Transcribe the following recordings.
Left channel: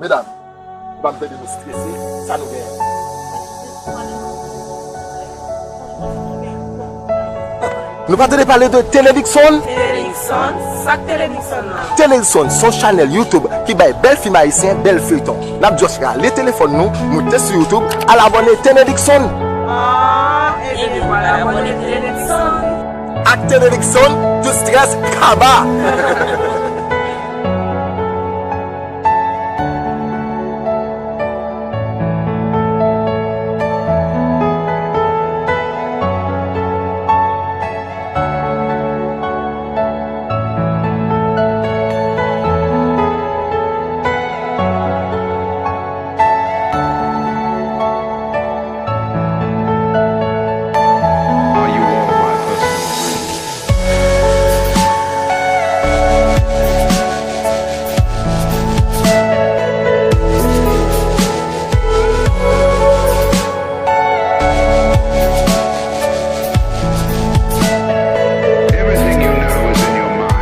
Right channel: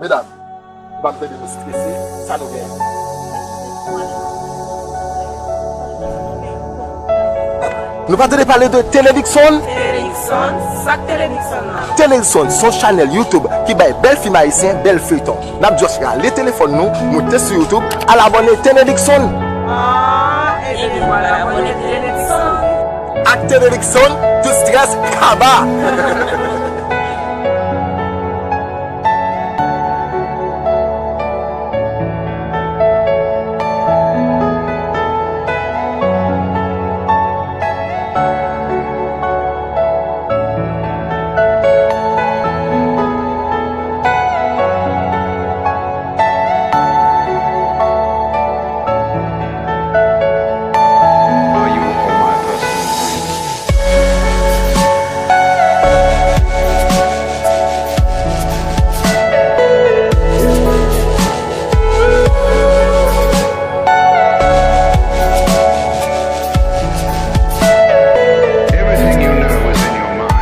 Mesdames, pas besoin de nous stresser, ça nous gagne. Nous pas de parler de Télédixon. Télédixon, ça Télédixon là. Télédixon, son channel YouTube qui baille belle film haïtien, belle feuilleton. N'a juste les téléphones nous, montez sur YouTube à l'abonner Télédixon. Ah, et bien voilà, abonner Télédixon. Avec Télédixon, tout stress, kaba. Are you all my personal dreams? Everything you know is in your mind.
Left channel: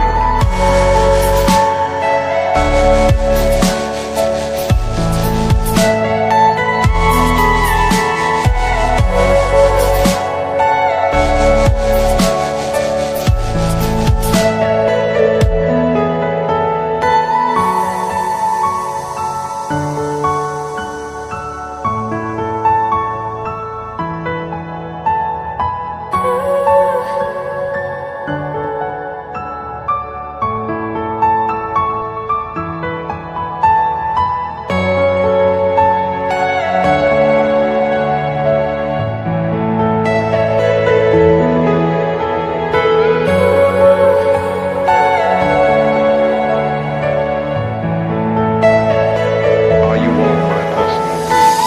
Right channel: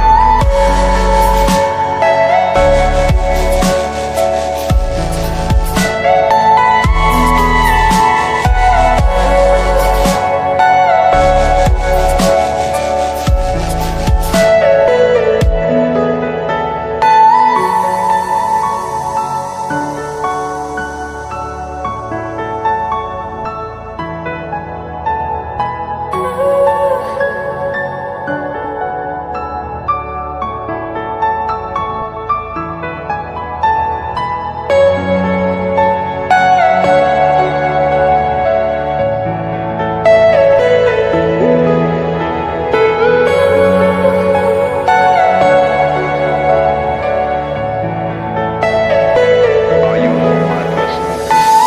Are you all my personal dreams?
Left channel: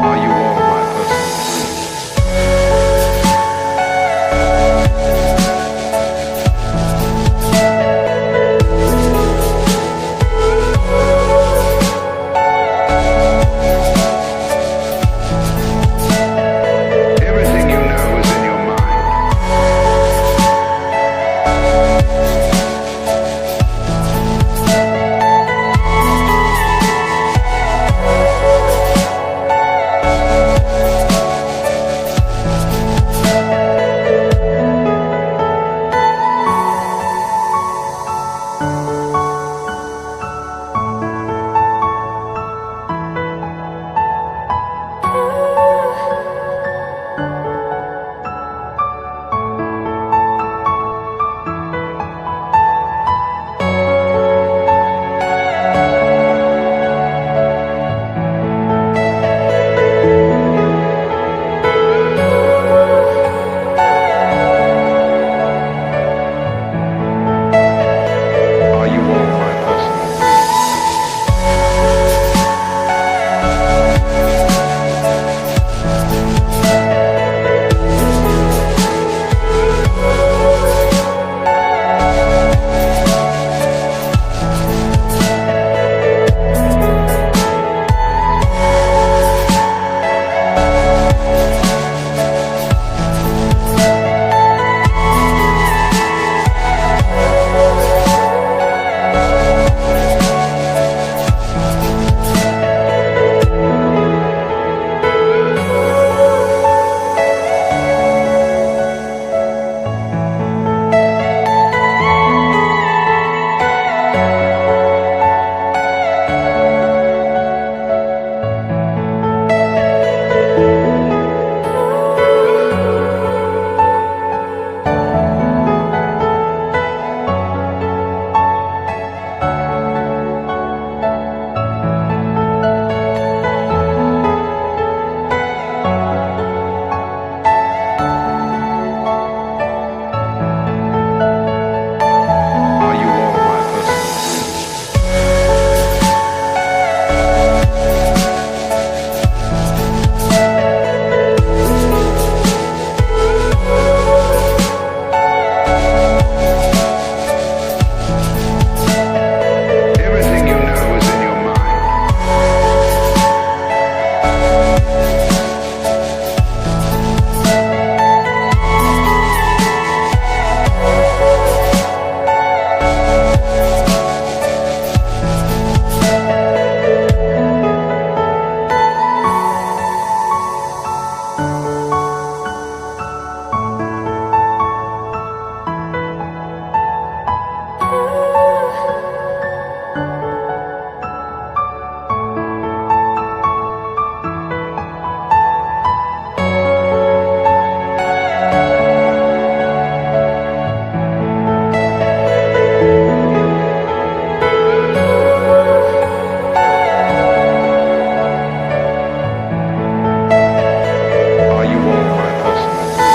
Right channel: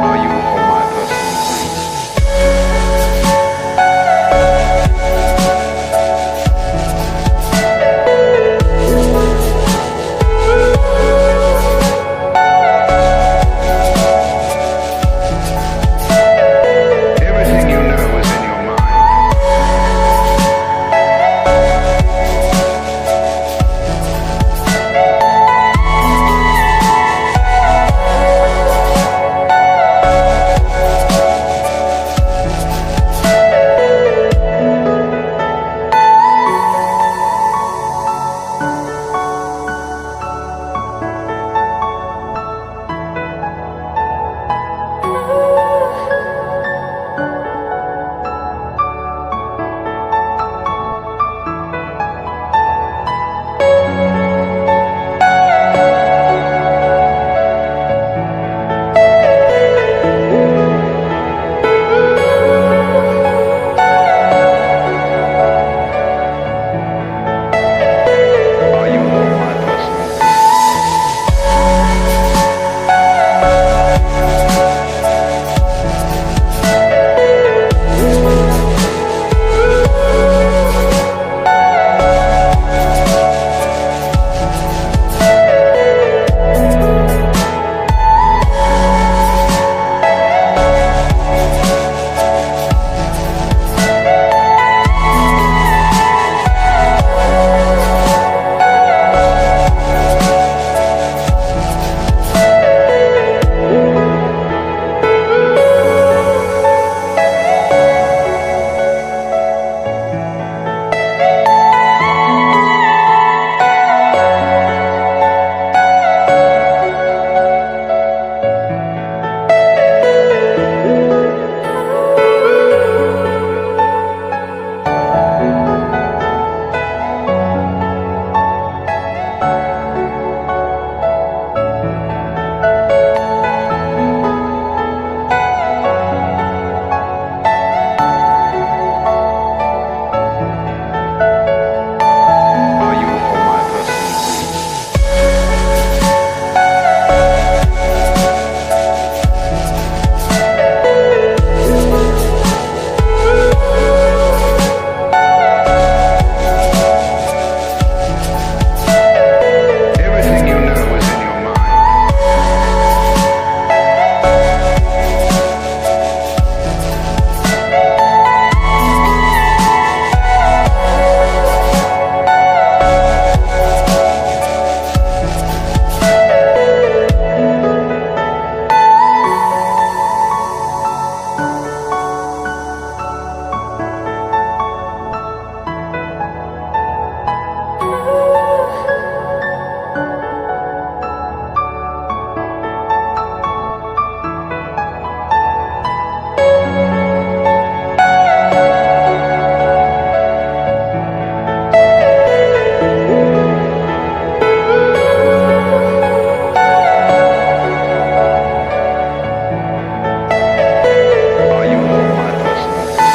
Are you all my personal dreams? Everything you know is in your mind. personal dream.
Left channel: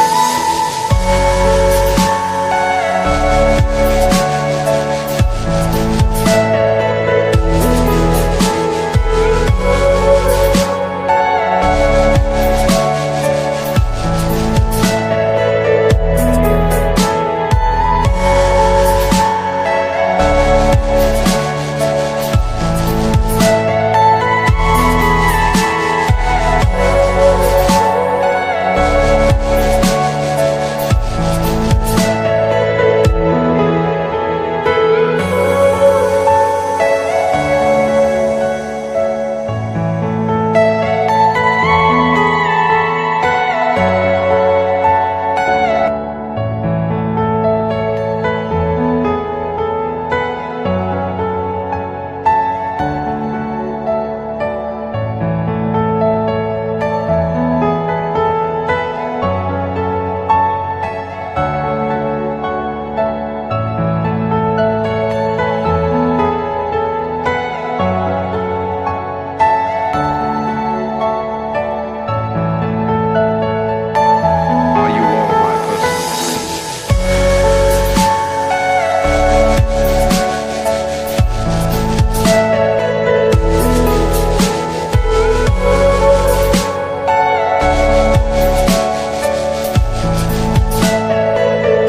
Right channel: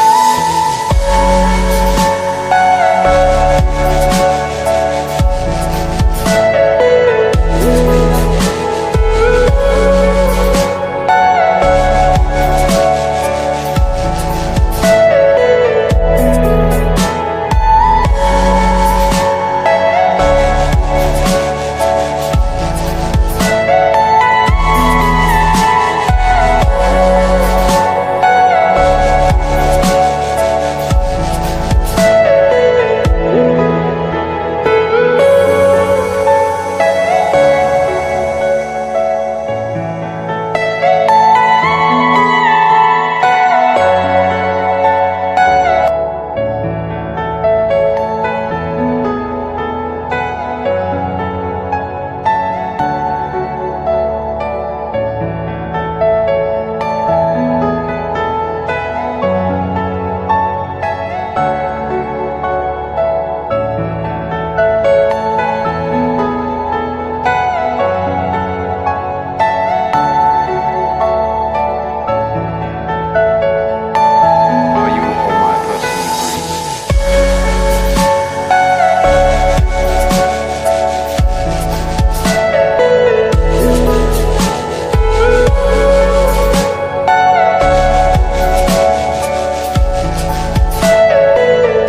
Are you all my personal dream?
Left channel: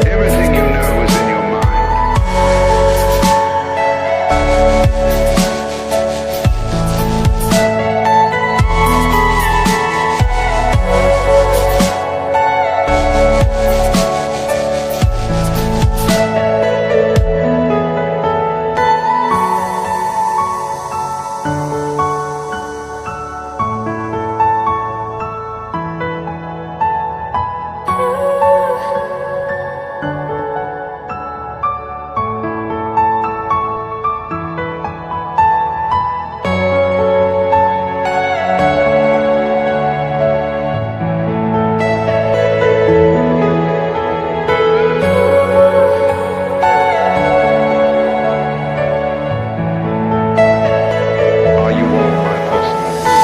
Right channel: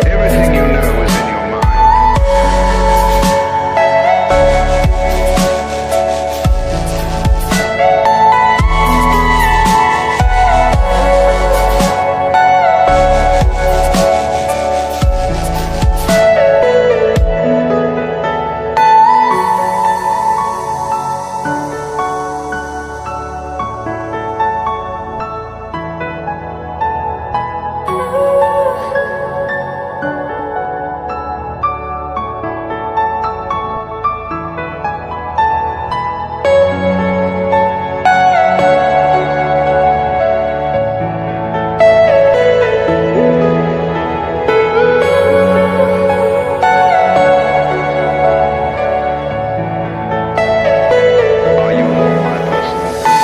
Everything you know is in your mind. Are you all my personal dream?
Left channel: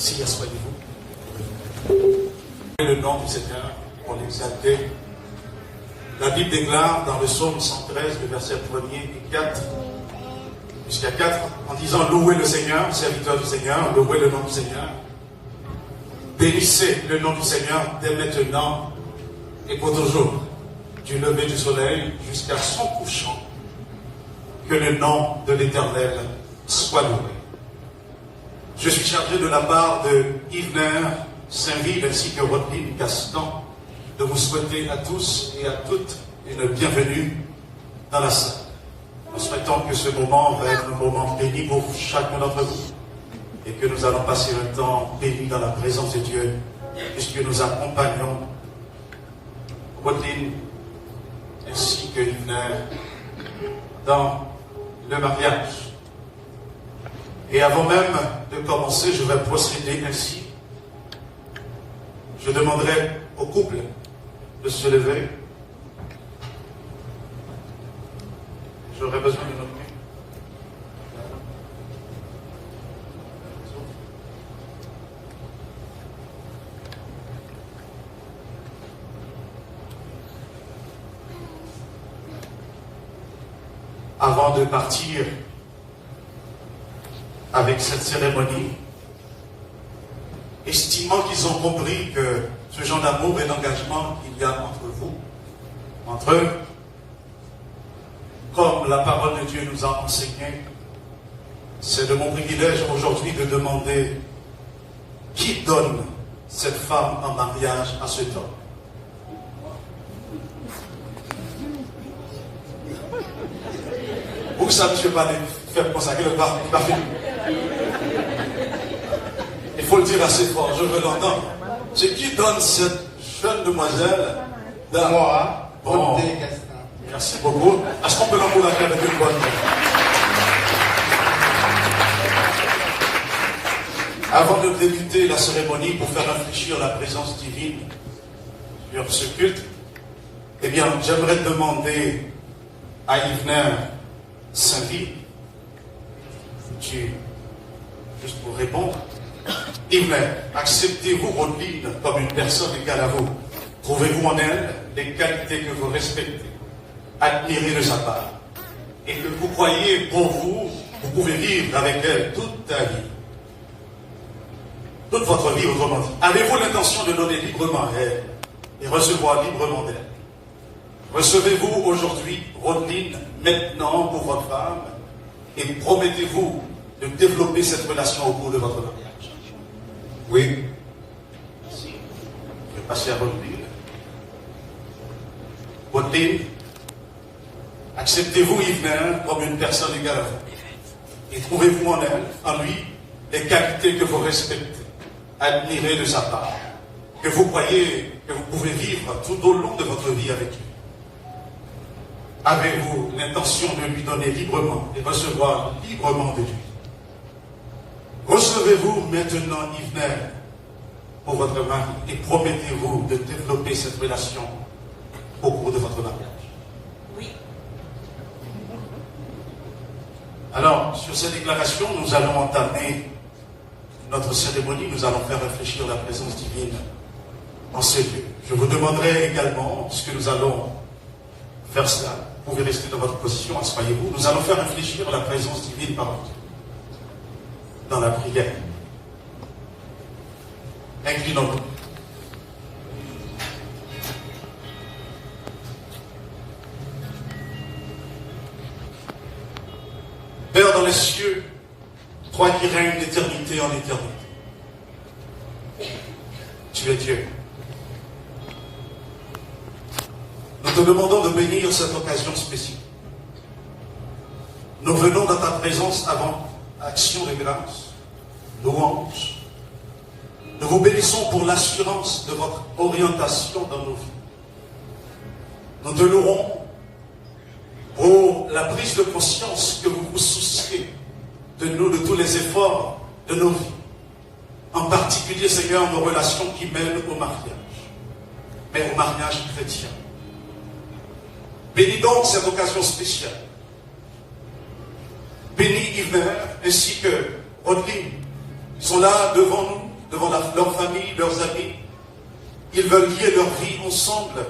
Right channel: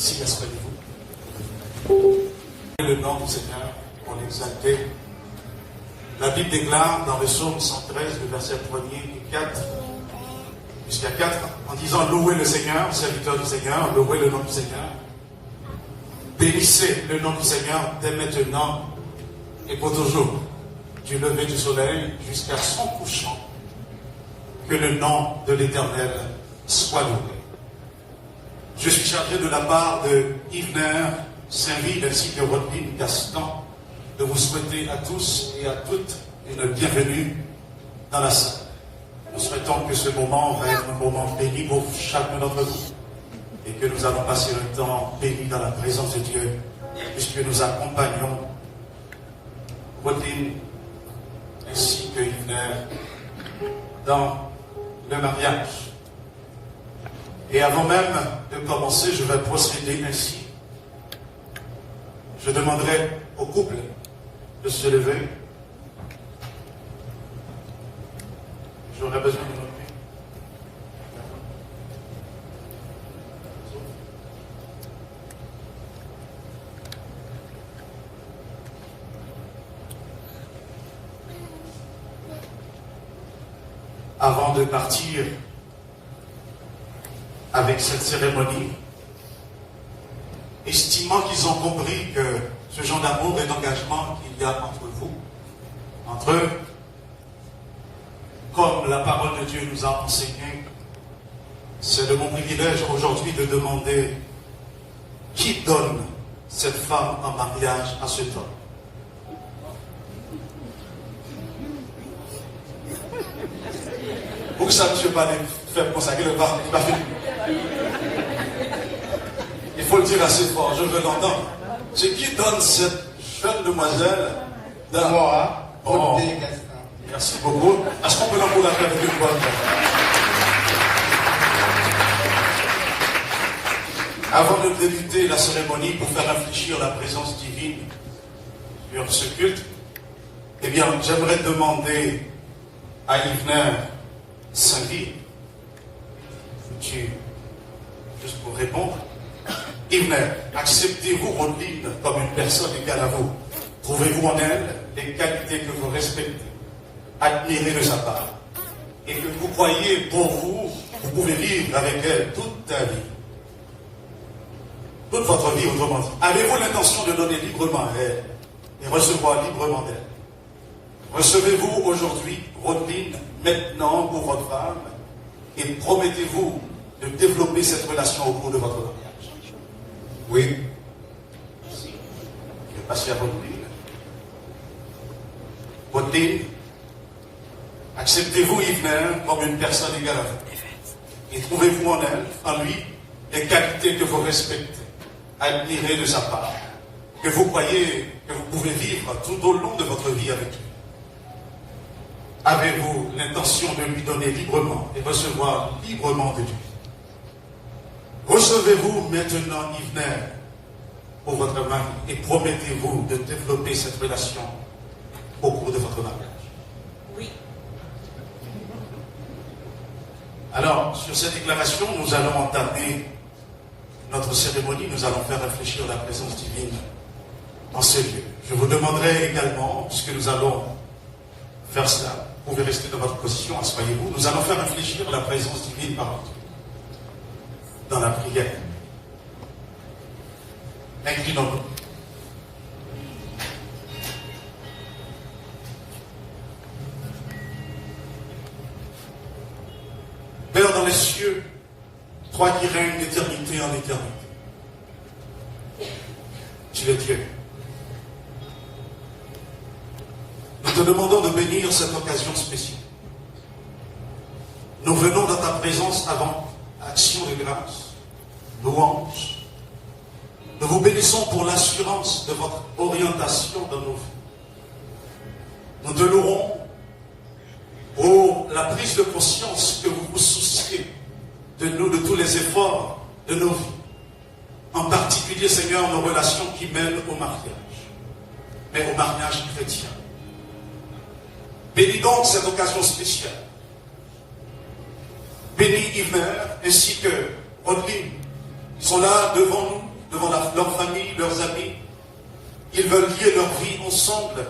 Si, asseyez-vous. Le nom du Seigneur, on l'exaltait. La Bible déclare dans le psaume 113, le verset 1er et 4, jusqu'à 4, en disant louez le Seigneur, serviteur du Seigneur, louez le nom du Seigneur. Bénissez le nom du Seigneur dès maintenant et pour toujours, du lever du soleil jusqu'à son couchant. Que le nom de l'Éternel soit loué. Je suis chargé de la part de Yves Saint-Ville ainsi que Rodney Gaston de vous souhaiter à tous et à toutes une bienvenue dans la salle. Nous souhaitons que ce moment va être un moment béni pour chacun d'entre vous et que nous allons passer un temps béni dans la présence de Dieu puisque nous accompagnons Rodney ainsi que Yves dans le mariage. Et avant même de commencer, je vais procéder ainsi. Je demanderai au couple de se lever. J'aurais besoin de notre... avant de partir avec cette cérémonie, estimant qu'ils ont compris que ce genre d'amour et d'engagement qu'il y a entre vous, entre eux, comme la parole de Dieu nous a enseigné, c'est de mon privilège aujourd'hui de demander qui donne cette femme en mariage à cet homme. Pour que ça, monsieur, pas faire consacrer le parfum. Il faut le dire assez fort, je veux l'entendre. C'est qui donne cette jeune demoiselle Moi, Bon. Merci beaucoup. Est-ce qu'on peut l'encourager avec une bonne main? Avant de débuter la cérémonie pour faire réfléchir la présence divine sur ce culte, eh bien, j'aimerais demander à Yvner Saint-Guy, juste pour répondre, Yvner, acceptez-vous Rodine comme une personne égale à vous? Trouvez-vous en elle des qualités que vous respectez, admirez de sa part, et que vous croyez pour vous, vous pouvez vivre avec elle toute ta vie? Toute votre vie, autrement dit. Avez-vous l'intention de donner librement à elle et recevoir librement d'elle? Recevez-vous aujourd'hui, Rodine, maintenant pour votre femme, et promettez-vous de développer cette relation au cours de votre mariage? Oui. Merci. Je vais passer à Rodine. Rodine, acceptez-vous Yvner comme une personne égale à vous? Et trouvez-vous en elle, en lui, les qualités que vous respectez, admirez de sa part, que vous croyez que vous pouvez vivre tout au long de votre vie avec lui? Avez-vous l'intention de lui donner librement et recevoir librement de lui? Recevez-vous maintenant Yvner pour votre mari et promettez-vous de développer cette relation au cours de votre mariage? Oui. Alors, sur cette déclaration, nous allons entamer notre cérémonie, nous allons faire réfléchir la présence divine en ce lieu. Je vous demanderai également, puisque nous allons faire cela, vous pouvez rester dans votre position, asseyez-vous, nous allons faire réfléchir la présence divine par Dieu dans la prière. Inclinons-nous. Père dans les cieux, toi qui règnes d'éternité en éternité, tu es Dieu. Nous te demandons de bénir cette occasion spéciale. Nous venons dans ta présence avant action de grâce, louange. Nous vous bénissons pour l'assurance de votre orientation dans nos vies. Nous te louons pour la prise de conscience que vous vous souciez de nous, de tous les efforts de nos vies. En particulier, Seigneur, nos relations qui mènent au mariage, mais au mariage chrétien. Bénis donc cette occasion spéciale. Bénis Yvner ainsi que Rodine. Ils sont là devant nous, devant leur famille, leurs amis. Ils veulent lier leur vie ensemble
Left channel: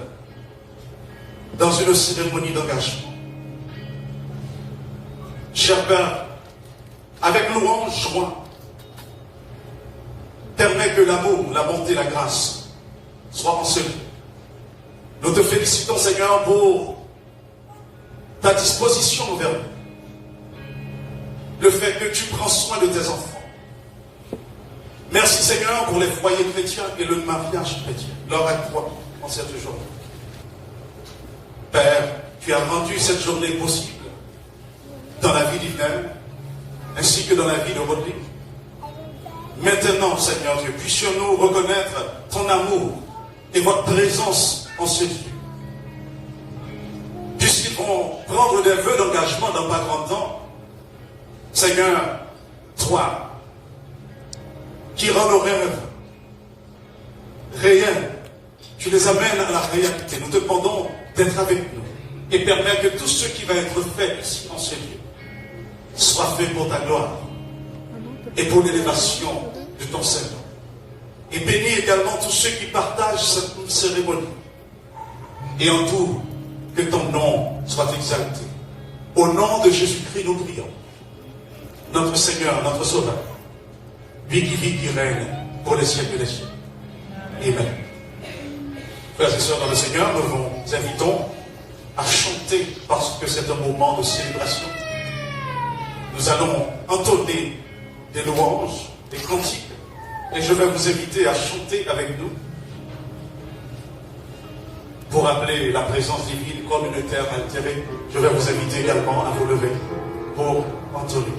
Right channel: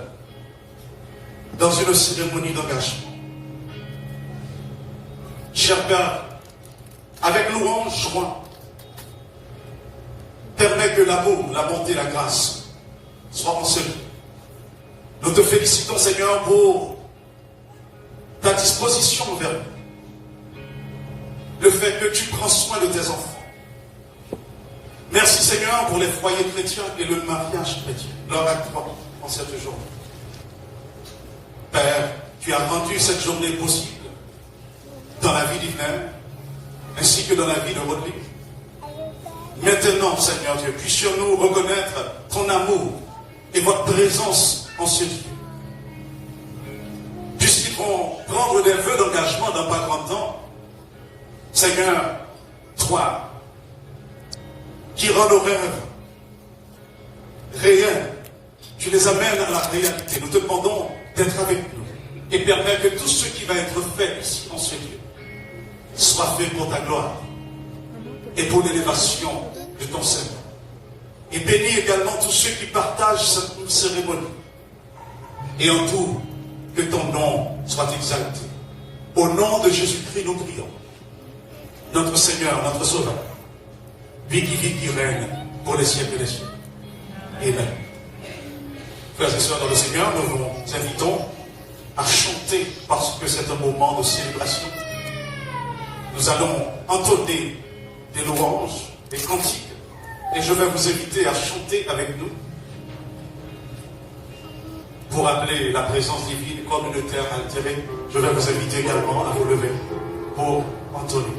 dans une cérémonie d'engagement. Cher Père, avec louange, joie, permets que l'amour, la bonté, la grâce soient en ce lieu. Nous te félicitons, Seigneur, pour ta disposition envers nous. Le fait que tu prends soin de tes enfants. Merci, Seigneur, pour les foyers chrétiens et le mariage chrétien. Leur à toi en cette journée. Père, tu as rendu cette journée possible dans la vie d'Yvner, ainsi que dans la vie de Rodrigue. Maintenant, Seigneur Dieu, puissions-nous reconnaître ton amour et votre présence en ce lieu. Puisqu'ils vont prendre des vœux d'engagement dans pas grand temps, Seigneur, toi, qui rends nos rêves réels, tu les amènes à la réalité. Nous te demandons d'être avec nous et permettre que tout ce qui va être fait ici en ce lieu soit fait pour ta gloire et pour l'élévation de ton Seigneur. Et bénis également tous ceux qui partagent cette cérémonie. Et en tout, que ton nom soit exalté. Au nom de Jésus-Christ, nous prions. Notre Seigneur, notre Sauveur, lui qui vit, qui règne pour les siècles des siècles. Amen. Frères et sœurs dans le Seigneur, nous vous invitons à chanter parce que c'est un moment de célébration. Nous allons entonner des louanges, des cantiques, et je vais vous inviter à chanter avec nous pour appeler la présence divine communautaire altérée. Je vais vous inviter également à vous lever pour entonner.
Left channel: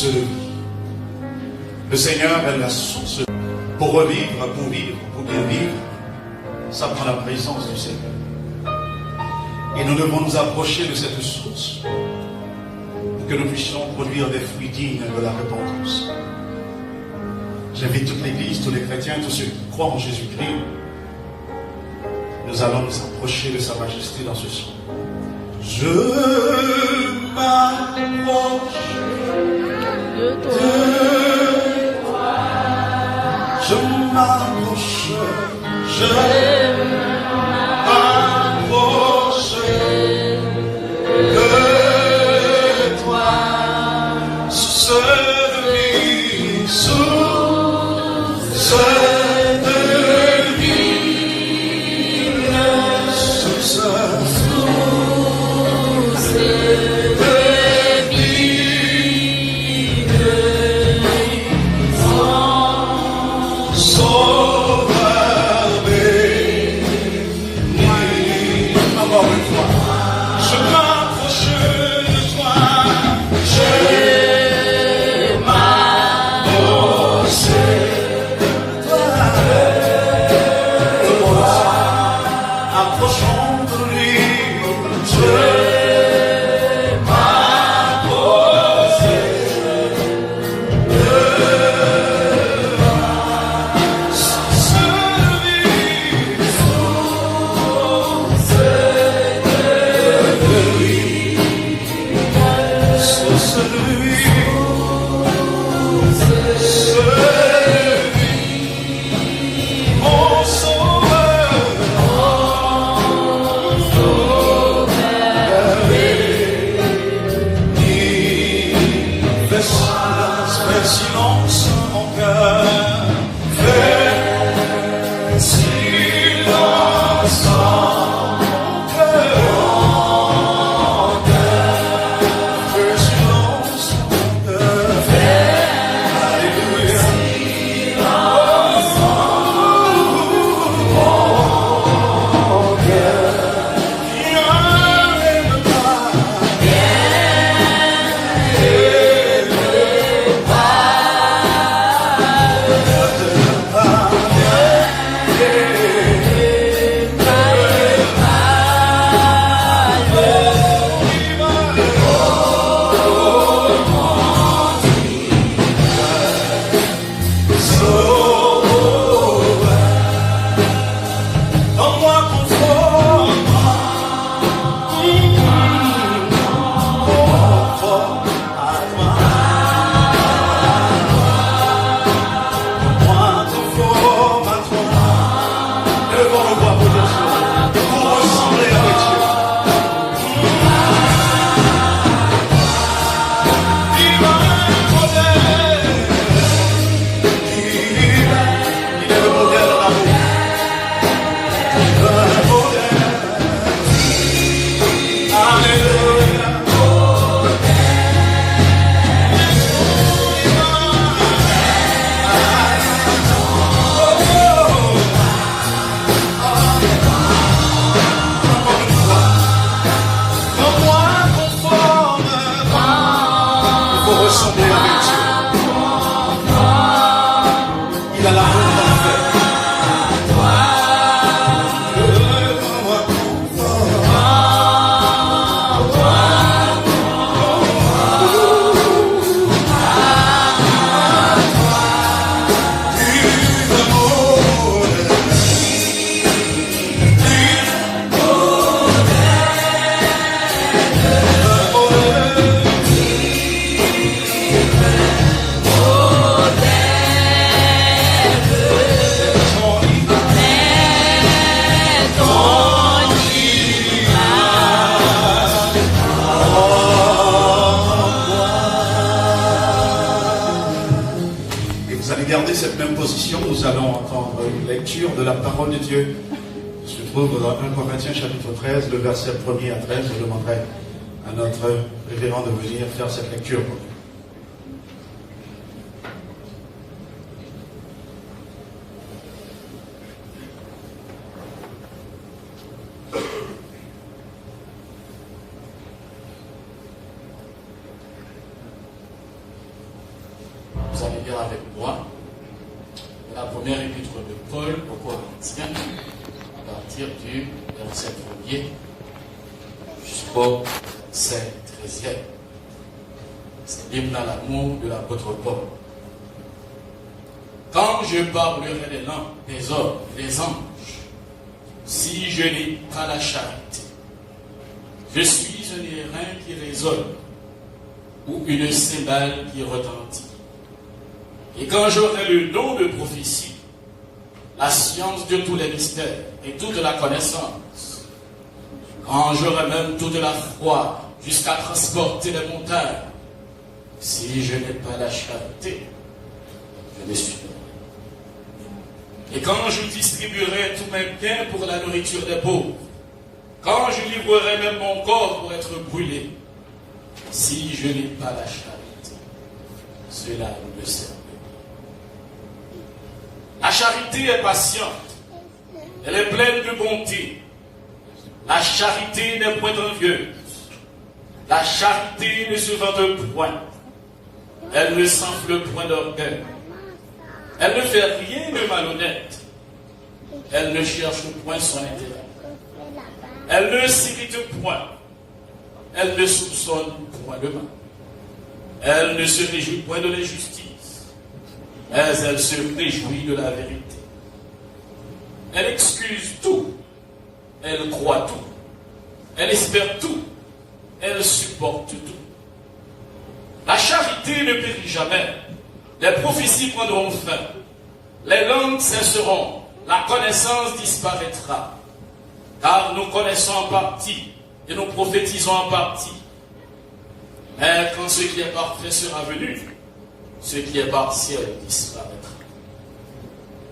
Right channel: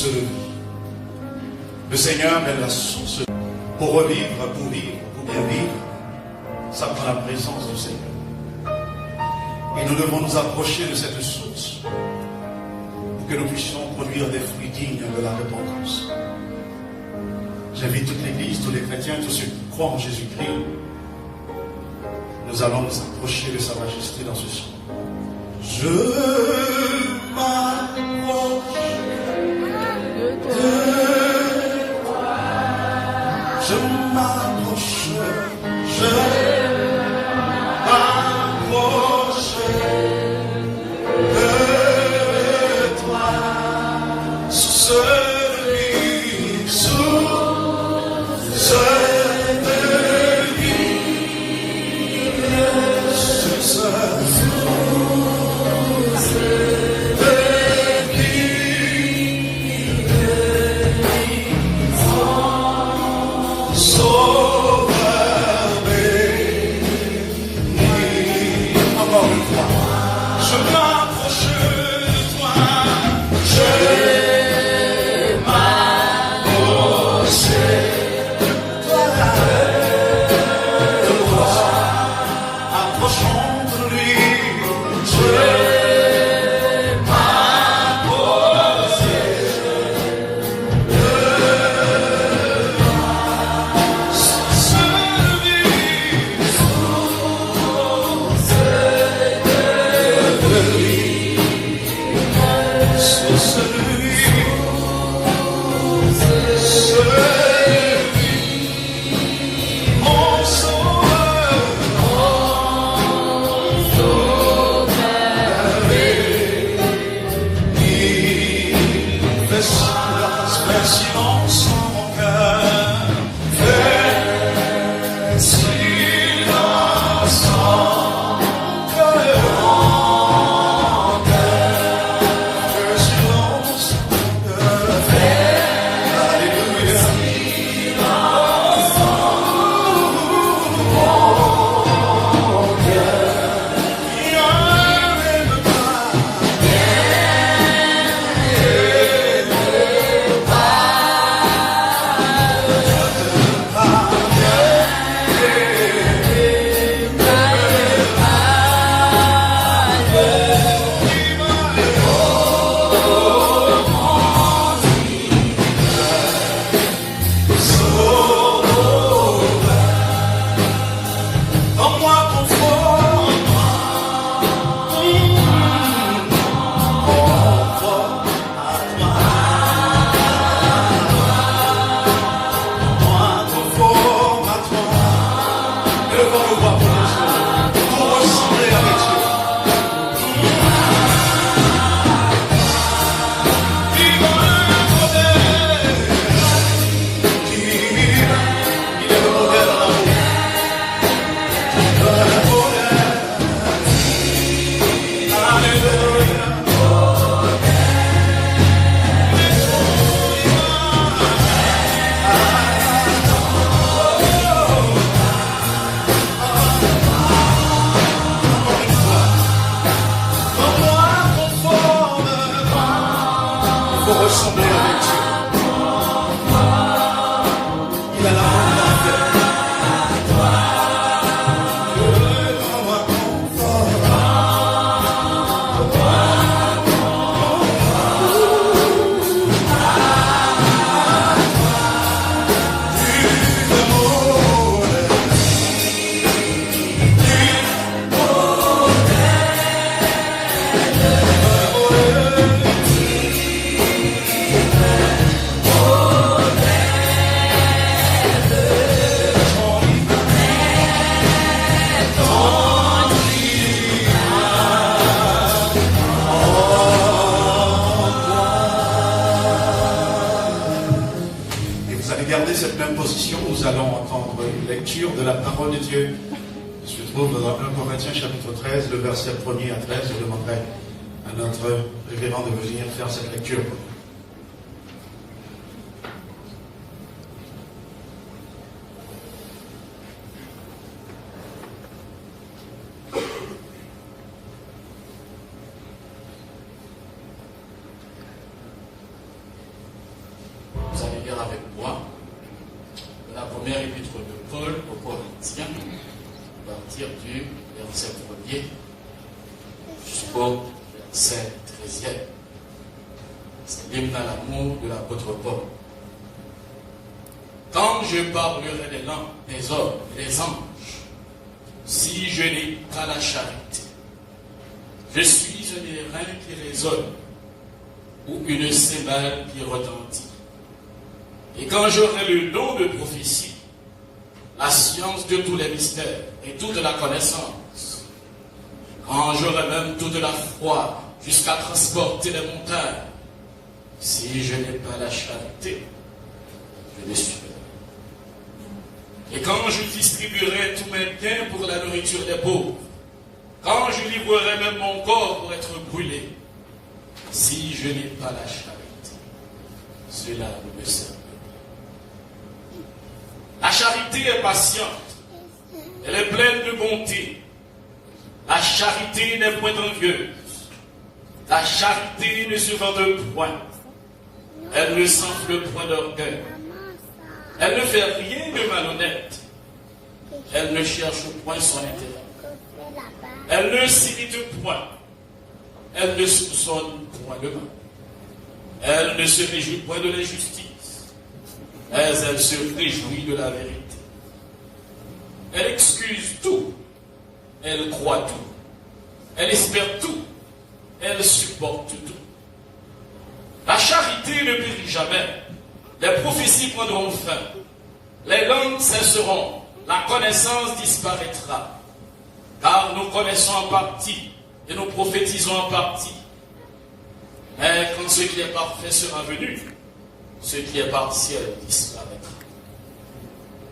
source de vie. Le Seigneur est la source de vie. Pour revivre, pour bien vivre, ça prend la présence du Seigneur. Et nous devons nous approcher de cette source pour que nous puissions produire des fruits dignes de la repentance. J'invite toute l'Église, tous les chrétiens, tous ceux qui croient en Jésus-Christ. Nous allons nous approcher de sa majesté dans ce chant. Je m'approche de toi. Je m'approche. Je m'approche de toi. Source de vie, source de vie, source de nous allons entendre une lecture de la parole de Dieu. Se trouve dans 1 Corinthiens chapitre 13, le verset 1er à 13. Je demanderai à notre révérend de venir faire cette lecture. lire avec moi la première épître de Paul aux Corinthiens, à partir du verset 1er jusqu'au verset 13e. C'est l'hymne à l'amour de l'apôtre Paul. Quand je parlerai les langues des hommes et des anges, si je n'ai pas la charité, je suis un airain qui résonne ou une cymbale qui retentit. Et quand j'aurai le don de prophétie, la science de tous les mystères et toute la connaissance, quand j'aurai même toute la foi jusqu'à transporter les montagnes, si je n'ai pas la charité, je ne suis pas. Et quand je distribuerai tous mes biens pour la nourriture des pauvres, quand je livrerai même mon corps pour être brûlé, si je n'ai pas la charité, cela ne me sert pas. La charité est patiente, elle est pleine de bonté. La charité n'est point envieuse. La charité ne se vante point. Elle ne s'enfle point d'orgueil. Elle ne fait rien de malhonnête. Elle ne cherche point son intérêt. Elle ne s'irrite point. Elle ne soupçonne point le mal. Elle ne se réjouit point de l'injustice, mais elle se réjouit de la vérité. Elle excuse tout. Elle croit tout. Elle espère tout. Elle supporte tout. La charité ne périt jamais. Les prophéties prendront fin. Les langues cesseront. La connaissance disparaîtra. Car nous connaissons en partie et nous prophétisons en partie. Mais quand ce qui est parfait sera venu, ce qui est partiel disparaîtra.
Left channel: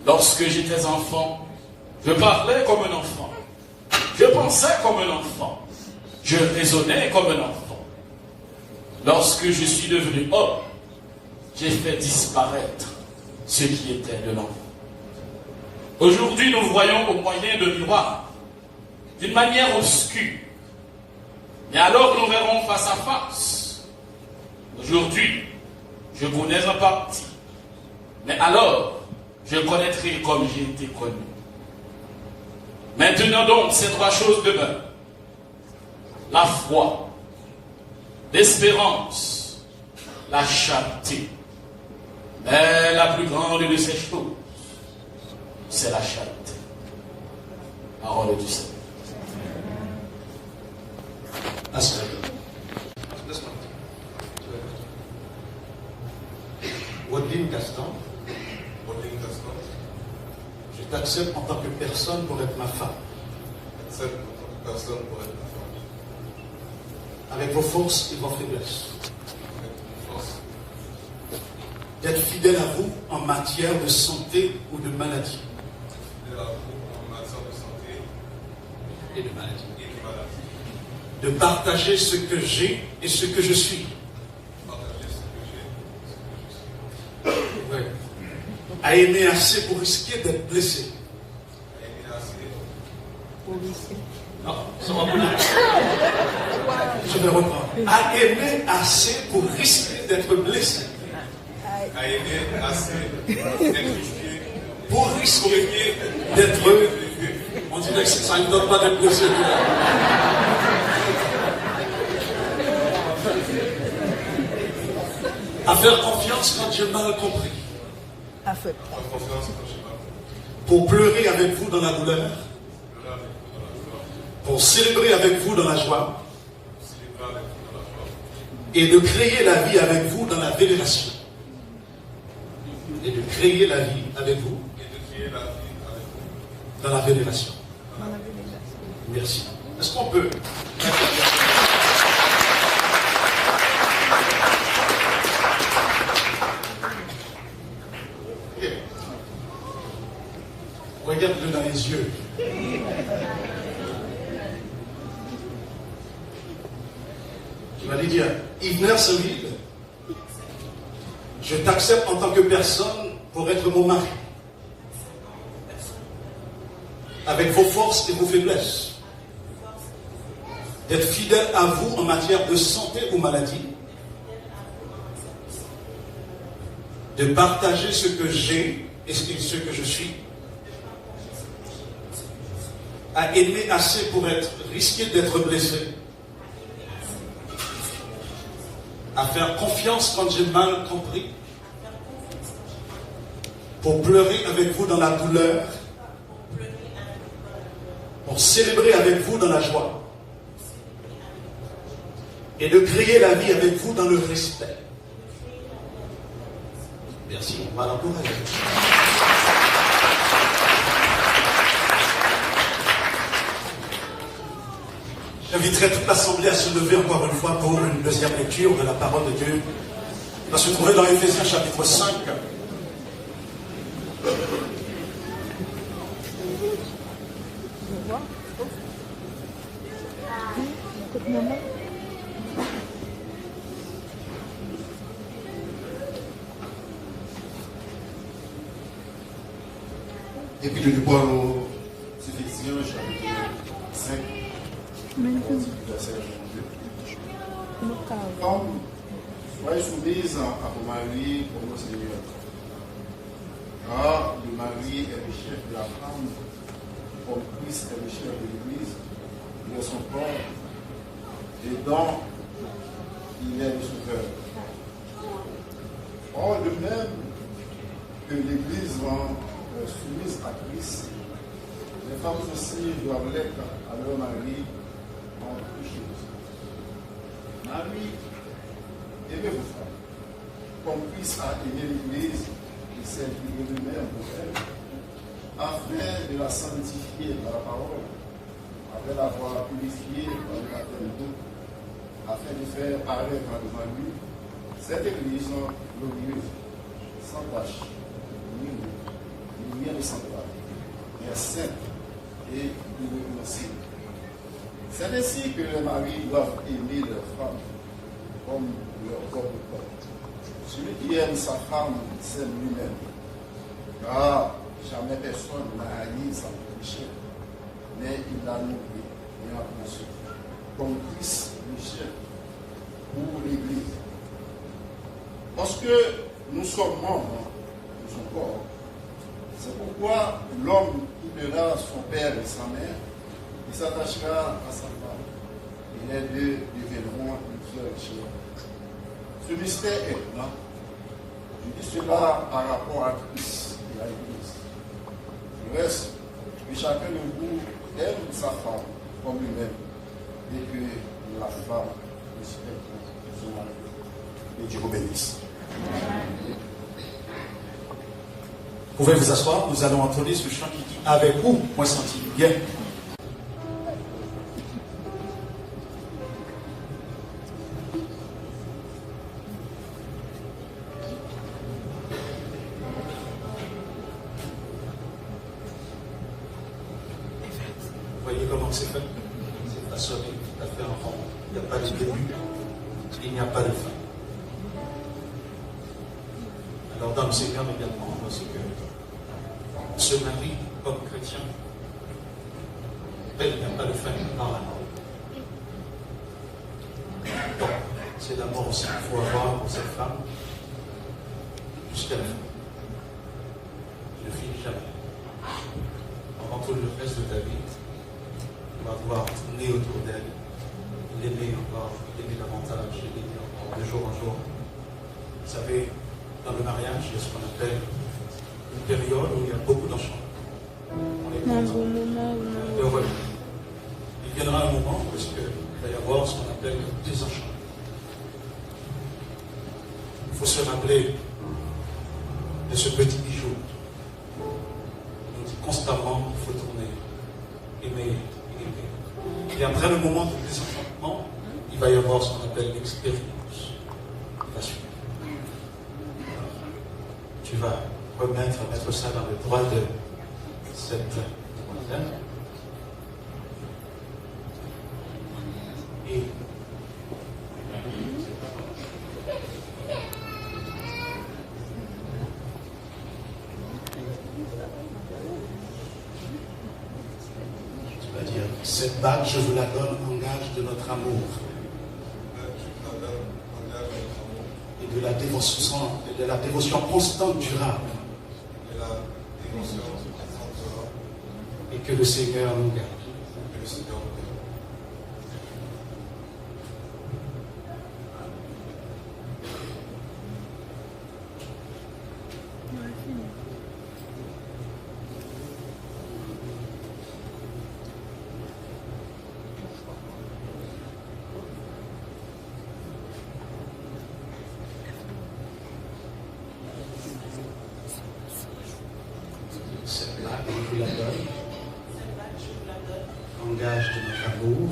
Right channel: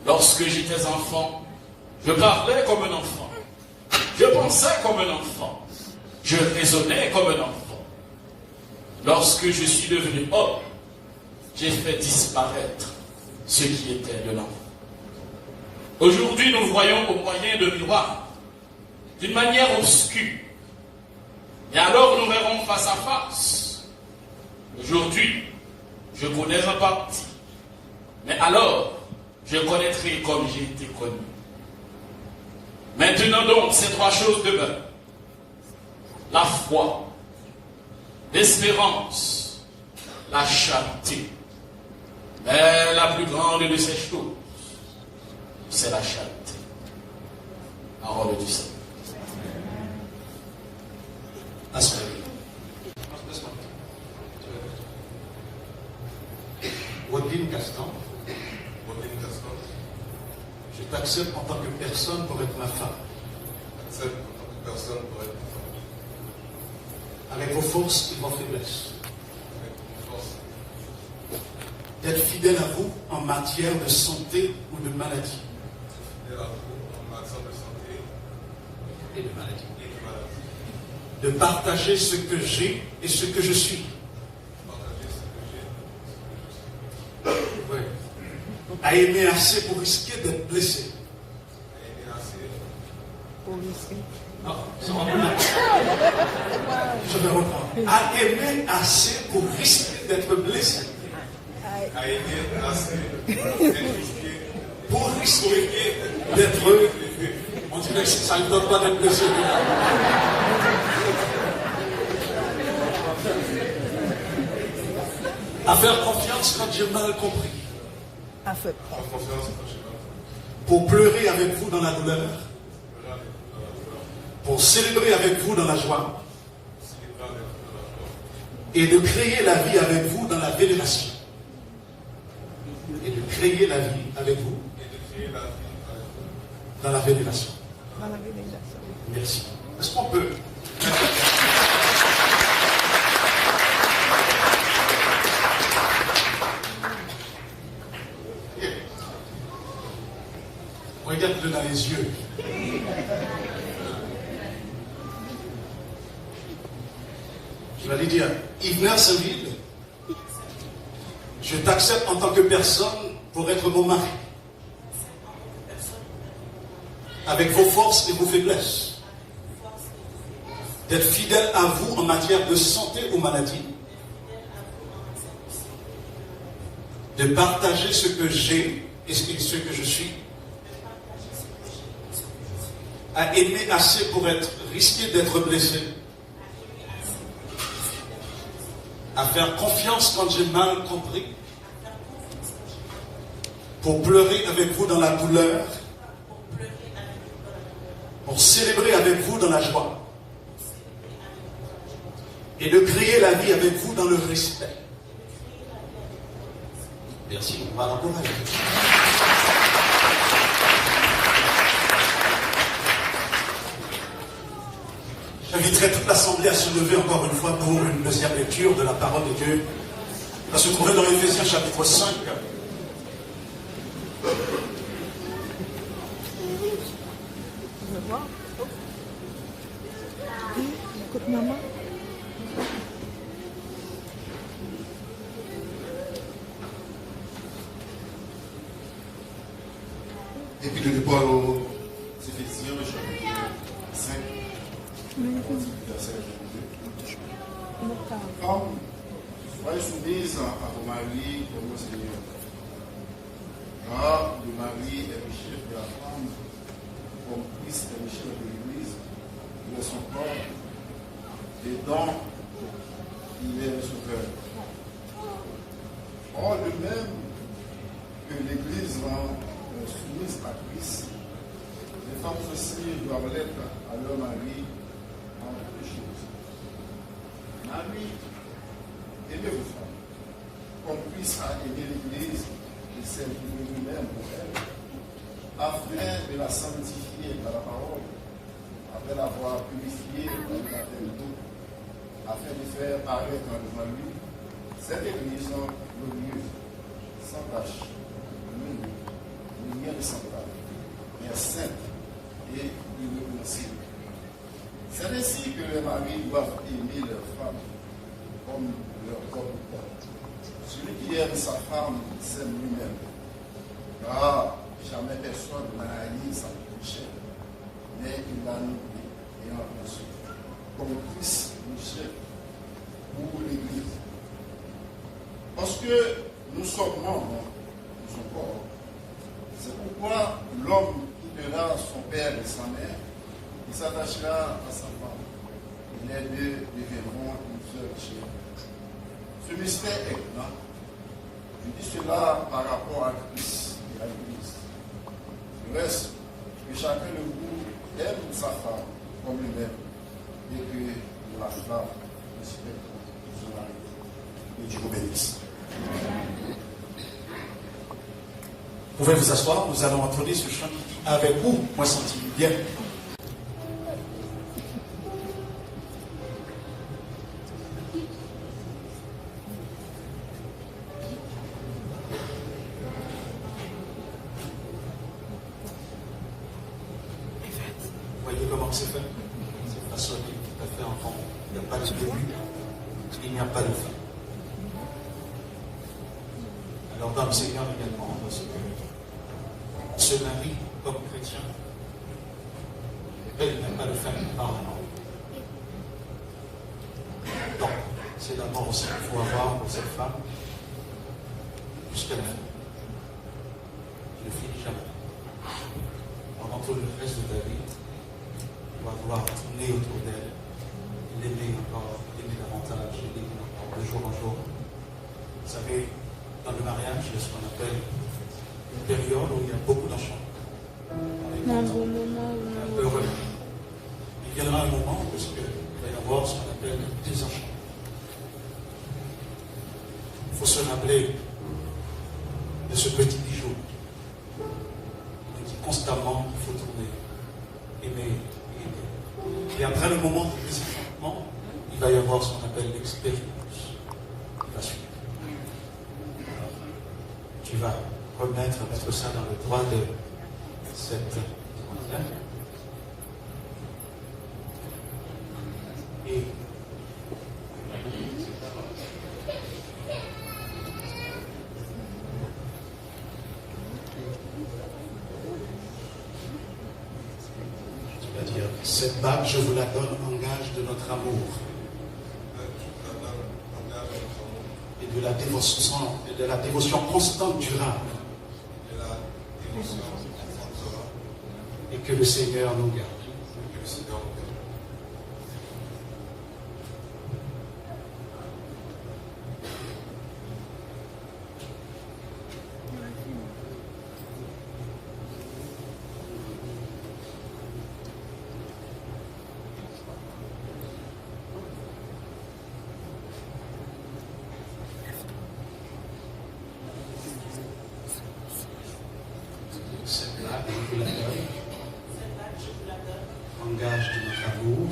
Lorsque j'étais enfant, je parlais comme un enfant. Je pensais comme un enfant. Je raisonnais comme un enfant. Lorsque je suis devenu homme, j'ai fait disparaître ce qui était de l'enfant. Aujourd'hui, nous voyons au moyen de miroirs, d'une manière obscure. Mais alors, nous verrons face à face. Aujourd'hui, je connais en partie. Mais alors, je connaîtrai comme j'ai été connu. Maintenant donc, ces trois choses demeurent. La foi, l'espérance, la charité. Mais la plus grande de ces choses, c'est la charité. Parole du Seigneur. Wadine Gaston, je t'accepte en tant que personne pour être ma femme. Avec vos forces et vos faiblesses. D'être fidèle à vous en matière de santé ou de maladie. Et de maladie. De partager ce que j'ai et ce que je suis. Ouais. À aimer assez pour risquer d'être blessé. Non, ça va pas. Je vais reprendre. À aimer assez pour risquer d'être blessé. À aimer assez pour risquer d'être. On dirait que ça ne donne pas d'être blessé. À faire confiance quand j'ai mal compris. Pour pleurer avec vous dans la douleur. Pour célébrer avec vous dans la joie. Et de créer la vie avec vous dans la vénération. Et de créer la vie avec vous dans la vénération. Merci. Est-ce qu'on peut... Regarde-le dans les yeux. Tu vas lui dire, Yves Saint-Ville, je t'accepte en tant que personne pour être mon mari. Avec vos forces et vos faiblesses. D'être fidèle à vous en matière de santé ou maladie. de partager ce que j'ai et ce que je suis, à aimer assez pour risquer d'être blessé, à faire confiance quand j'ai mal compris, pour pleurer avec vous dans la douleur, pour célébrer avec vous dans la joie, et de créer la vie avec vous dans le respect. Merci. Voilà pour moi. J'inviterai toute l'Assemblée à se lever encore une fois pour une deuxième lecture de la parole de Dieu. On va se trouver dans Éphésiens chapitre 5. Et puis je parle aux Éphésiens chapitre 5, verset 22. Femme, soyez soumise à vos maris comme au Seigneur. Car le mari est le chef de la femme, comme Christ est le chef de l'Église, de son corps, et dont il est le sauveur. Or, de même que l'Église soumise à Christ, les femmes aussi doivent l'être à leur mari en toutes choses. Marie, aimez vos femmes, comme Christ a aimé l'Église et s'est livré lui-même pour elle, afin de la sanctifier par la parole, après l'avoir purifiée par le baptême d'eau, afin de faire paraître devant lui cette Église glorieuse, sans tache, lumière de semblable, mais sainte et irréprochable. C'est ainsi que les maris doivent aimer leurs femmes comme leur corps de corps. Celui qui aime sa femme s'aime lui-même, car jamais personne n'a haï sa péché, mais il l'a nourri et en conçu, comme Christ le chef pour l'Église. Parce que nous sommes membres de son corps, c'est pourquoi l'homme quittera son père et sa mère, il s'attachera à sa femme, et les deux deviendront une seule chair. Ce mystère est grand. Je dis cela par rapport à Christ et à l'Église. Le reste, que chacun de vous aime sa femme comme lui-même, et que la femme respecte son mari. Et Dieu vous bénisse. Vous pouvez vous asseoir, nous allons entonner ce chant qui dit « Avec vous, moi senti bien ». Vous voyez comment c'est fait? C'est pas seul, tout à fait en rond. Il n'y a pas de début, il n'y a pas de fin. Alors dans le Seigneur également, parce que ce mari, comme chrétien, elle n'a pas de fin par la mort. Donc, c'est la mort aussi qu'il faut avoir pour cette femme jusqu'à la fin. Ne finis jamais. Pendant tout le reste de ta vie, tu vas devoir tourner autour d'elle, l'aimer encore, l'aimer davantage, l'aimer encore de jour en jour. Vous savez, dans le mariage, il y a ce qu'on appelle une période où il y a beaucoup d'enchants. Un bon moment où heureux. Il viendra un moment où il va y avoir ce qu'on appelle des enchants. Il faut se rappeler de ce petit bijou. On dit constamment qu'il faut tourner, aimer, aimer. Et après le moment de désenchantement, il va y avoir ce qu'on appelle l'expérience. Il va suivre. Tu vas mettre ça dans le droit de cette demoiselle. Et tu vas dire, cette bague, je vous la donne en gage de notre amour et de la dévotion constante durable. Et que le Seigneur nous garde. Engage de notre amour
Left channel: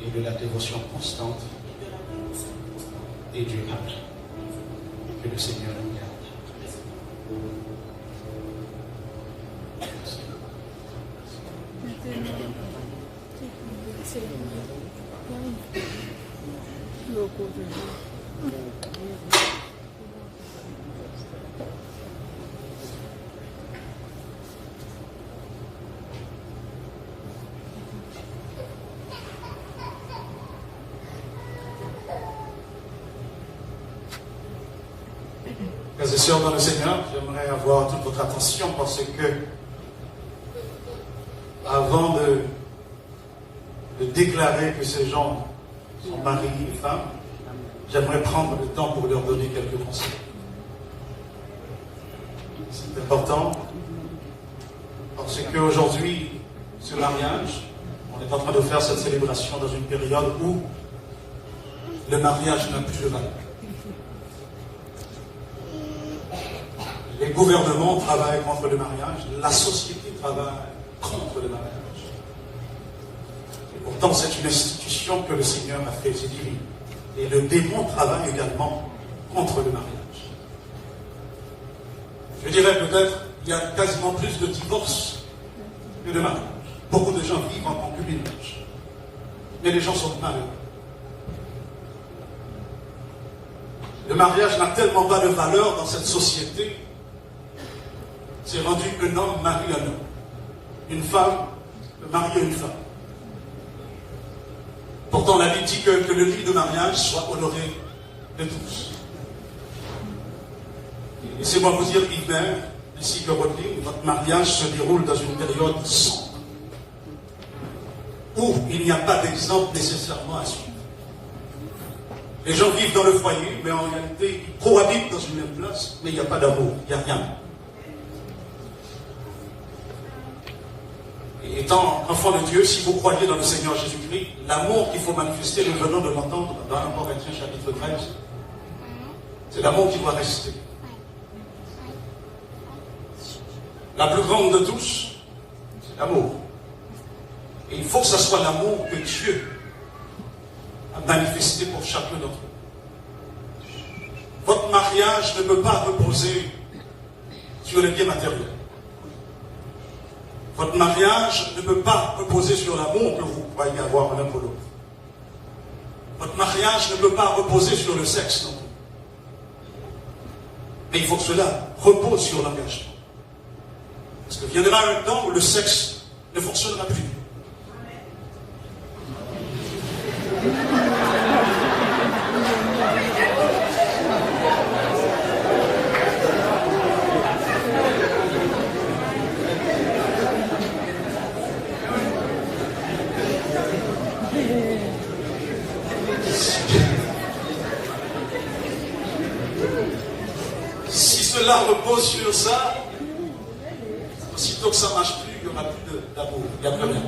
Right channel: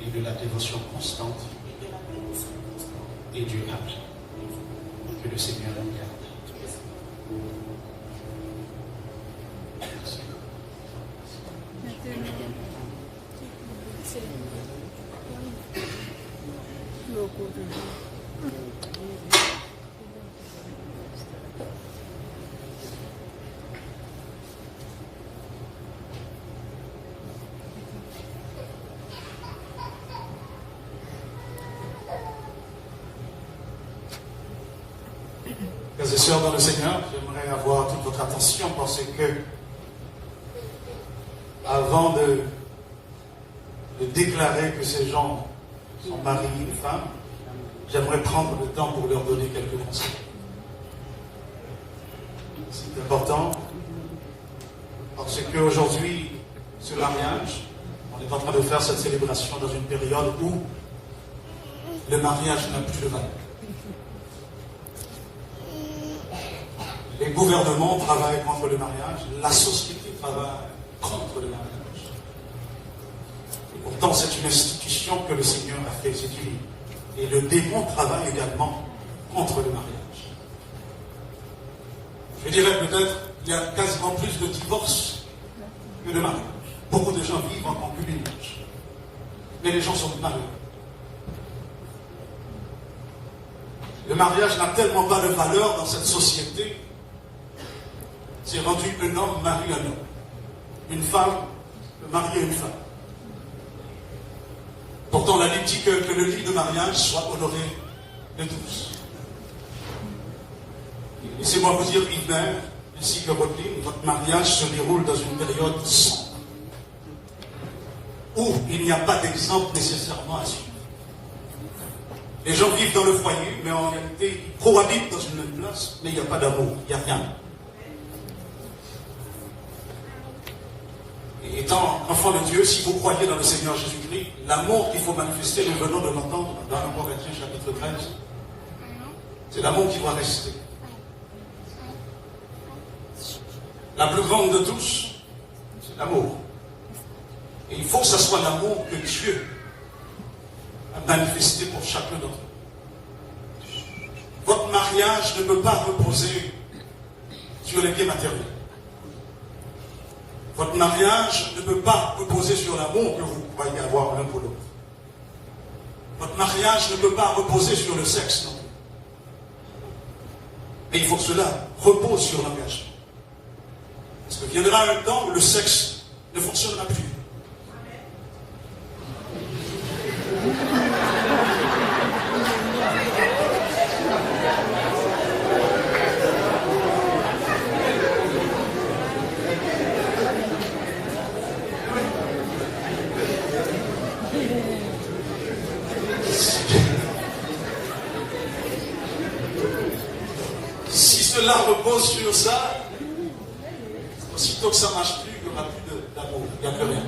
et de la dévotion constante et durable. Que le Seigneur nous garde. Frères et sœurs dans le Seigneur, j'aimerais avoir toute votre attention parce que avant de déclarer que ces gens sont maris et femmes, j'aimerais prendre le temps pour leur donner quelques conseils. C'est important parce qu'aujourd'hui, ce mariage, on est en train de faire cette célébration dans une période où le mariage n'a plus de valeur. Les gouvernements travaillent contre le mariage, la société travaille contre le mariage. Et pourtant, c'est une institution que le Seigneur a fait se dire. Et le démon travaille également contre le mariage. Je dirais peut-être qu'il y a quasiment plus de divorces que de mariage. Beaucoup de gens vivent en concubinage. Mais les gens sont malheureux. Le mariage n'a tellement pas de valeur dans cette société. C'est rendu un homme marie un homme. Une femme marie une femme. Pourtant, la Bible dit que le lit de mariage soit honoré de tous. Laissez-moi vous dire, Hubert, ici que votre mariage se déroule dans une période sombre, où il n'y a pas d'exemple nécessairement à suivre. Les gens vivent dans le foyer, mais en réalité, ils cohabitent dans une même place, mais il n'y a pas d'amour, il n'y a rien. Et étant enfant de Dieu, si vous croyez dans le Seigneur Jésus-Christ, l'amour qu'il faut manifester, nous venons de l'entendre dans 1 Corinthiens chapitre 13, c'est l'amour qui doit rester. La plus grande de tous, c'est l'amour. Et il faut que ce soit l'amour que Dieu a manifesté pour chacun d'entre nous. Votre mariage ne peut pas reposer sur les biens matériels. Votre mariage ne peut pas reposer sur l'amour que vous croyez avoir l'un pour l'autre. Votre mariage ne peut pas reposer sur le sexe non plus. Mais il faut que cela repose sur l'engagement. Parce que viendra un temps où le sexe ne fonctionnera plus. Si cela repose sur ça, aussitôt que ça ne marche plus, il n'y aura plus d'amour, il n'y a plus rien.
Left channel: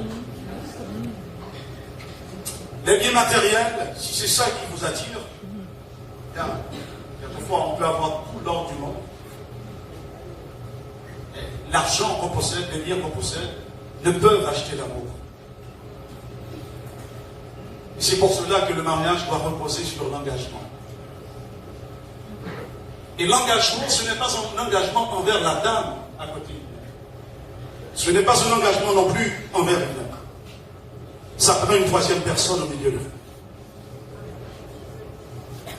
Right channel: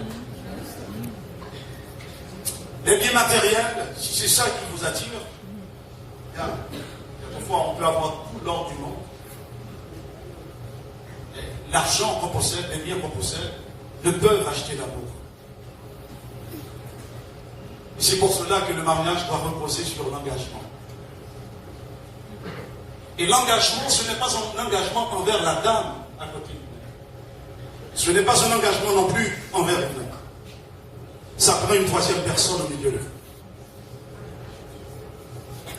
Les biens matériels, si c'est ça qui vous attire, quelquefois on peut avoir tout l'or du monde. L'argent qu'on possède, les biens qu'on possède, ne peuvent acheter l'amour. C'est pour cela que le mariage doit reposer sur l'engagement. Et l'engagement, ce n'est pas un engagement envers la dame à côté. Ce n'est pas un engagement non plus envers elle-même. Ça prend une troisième personne au milieu de vous.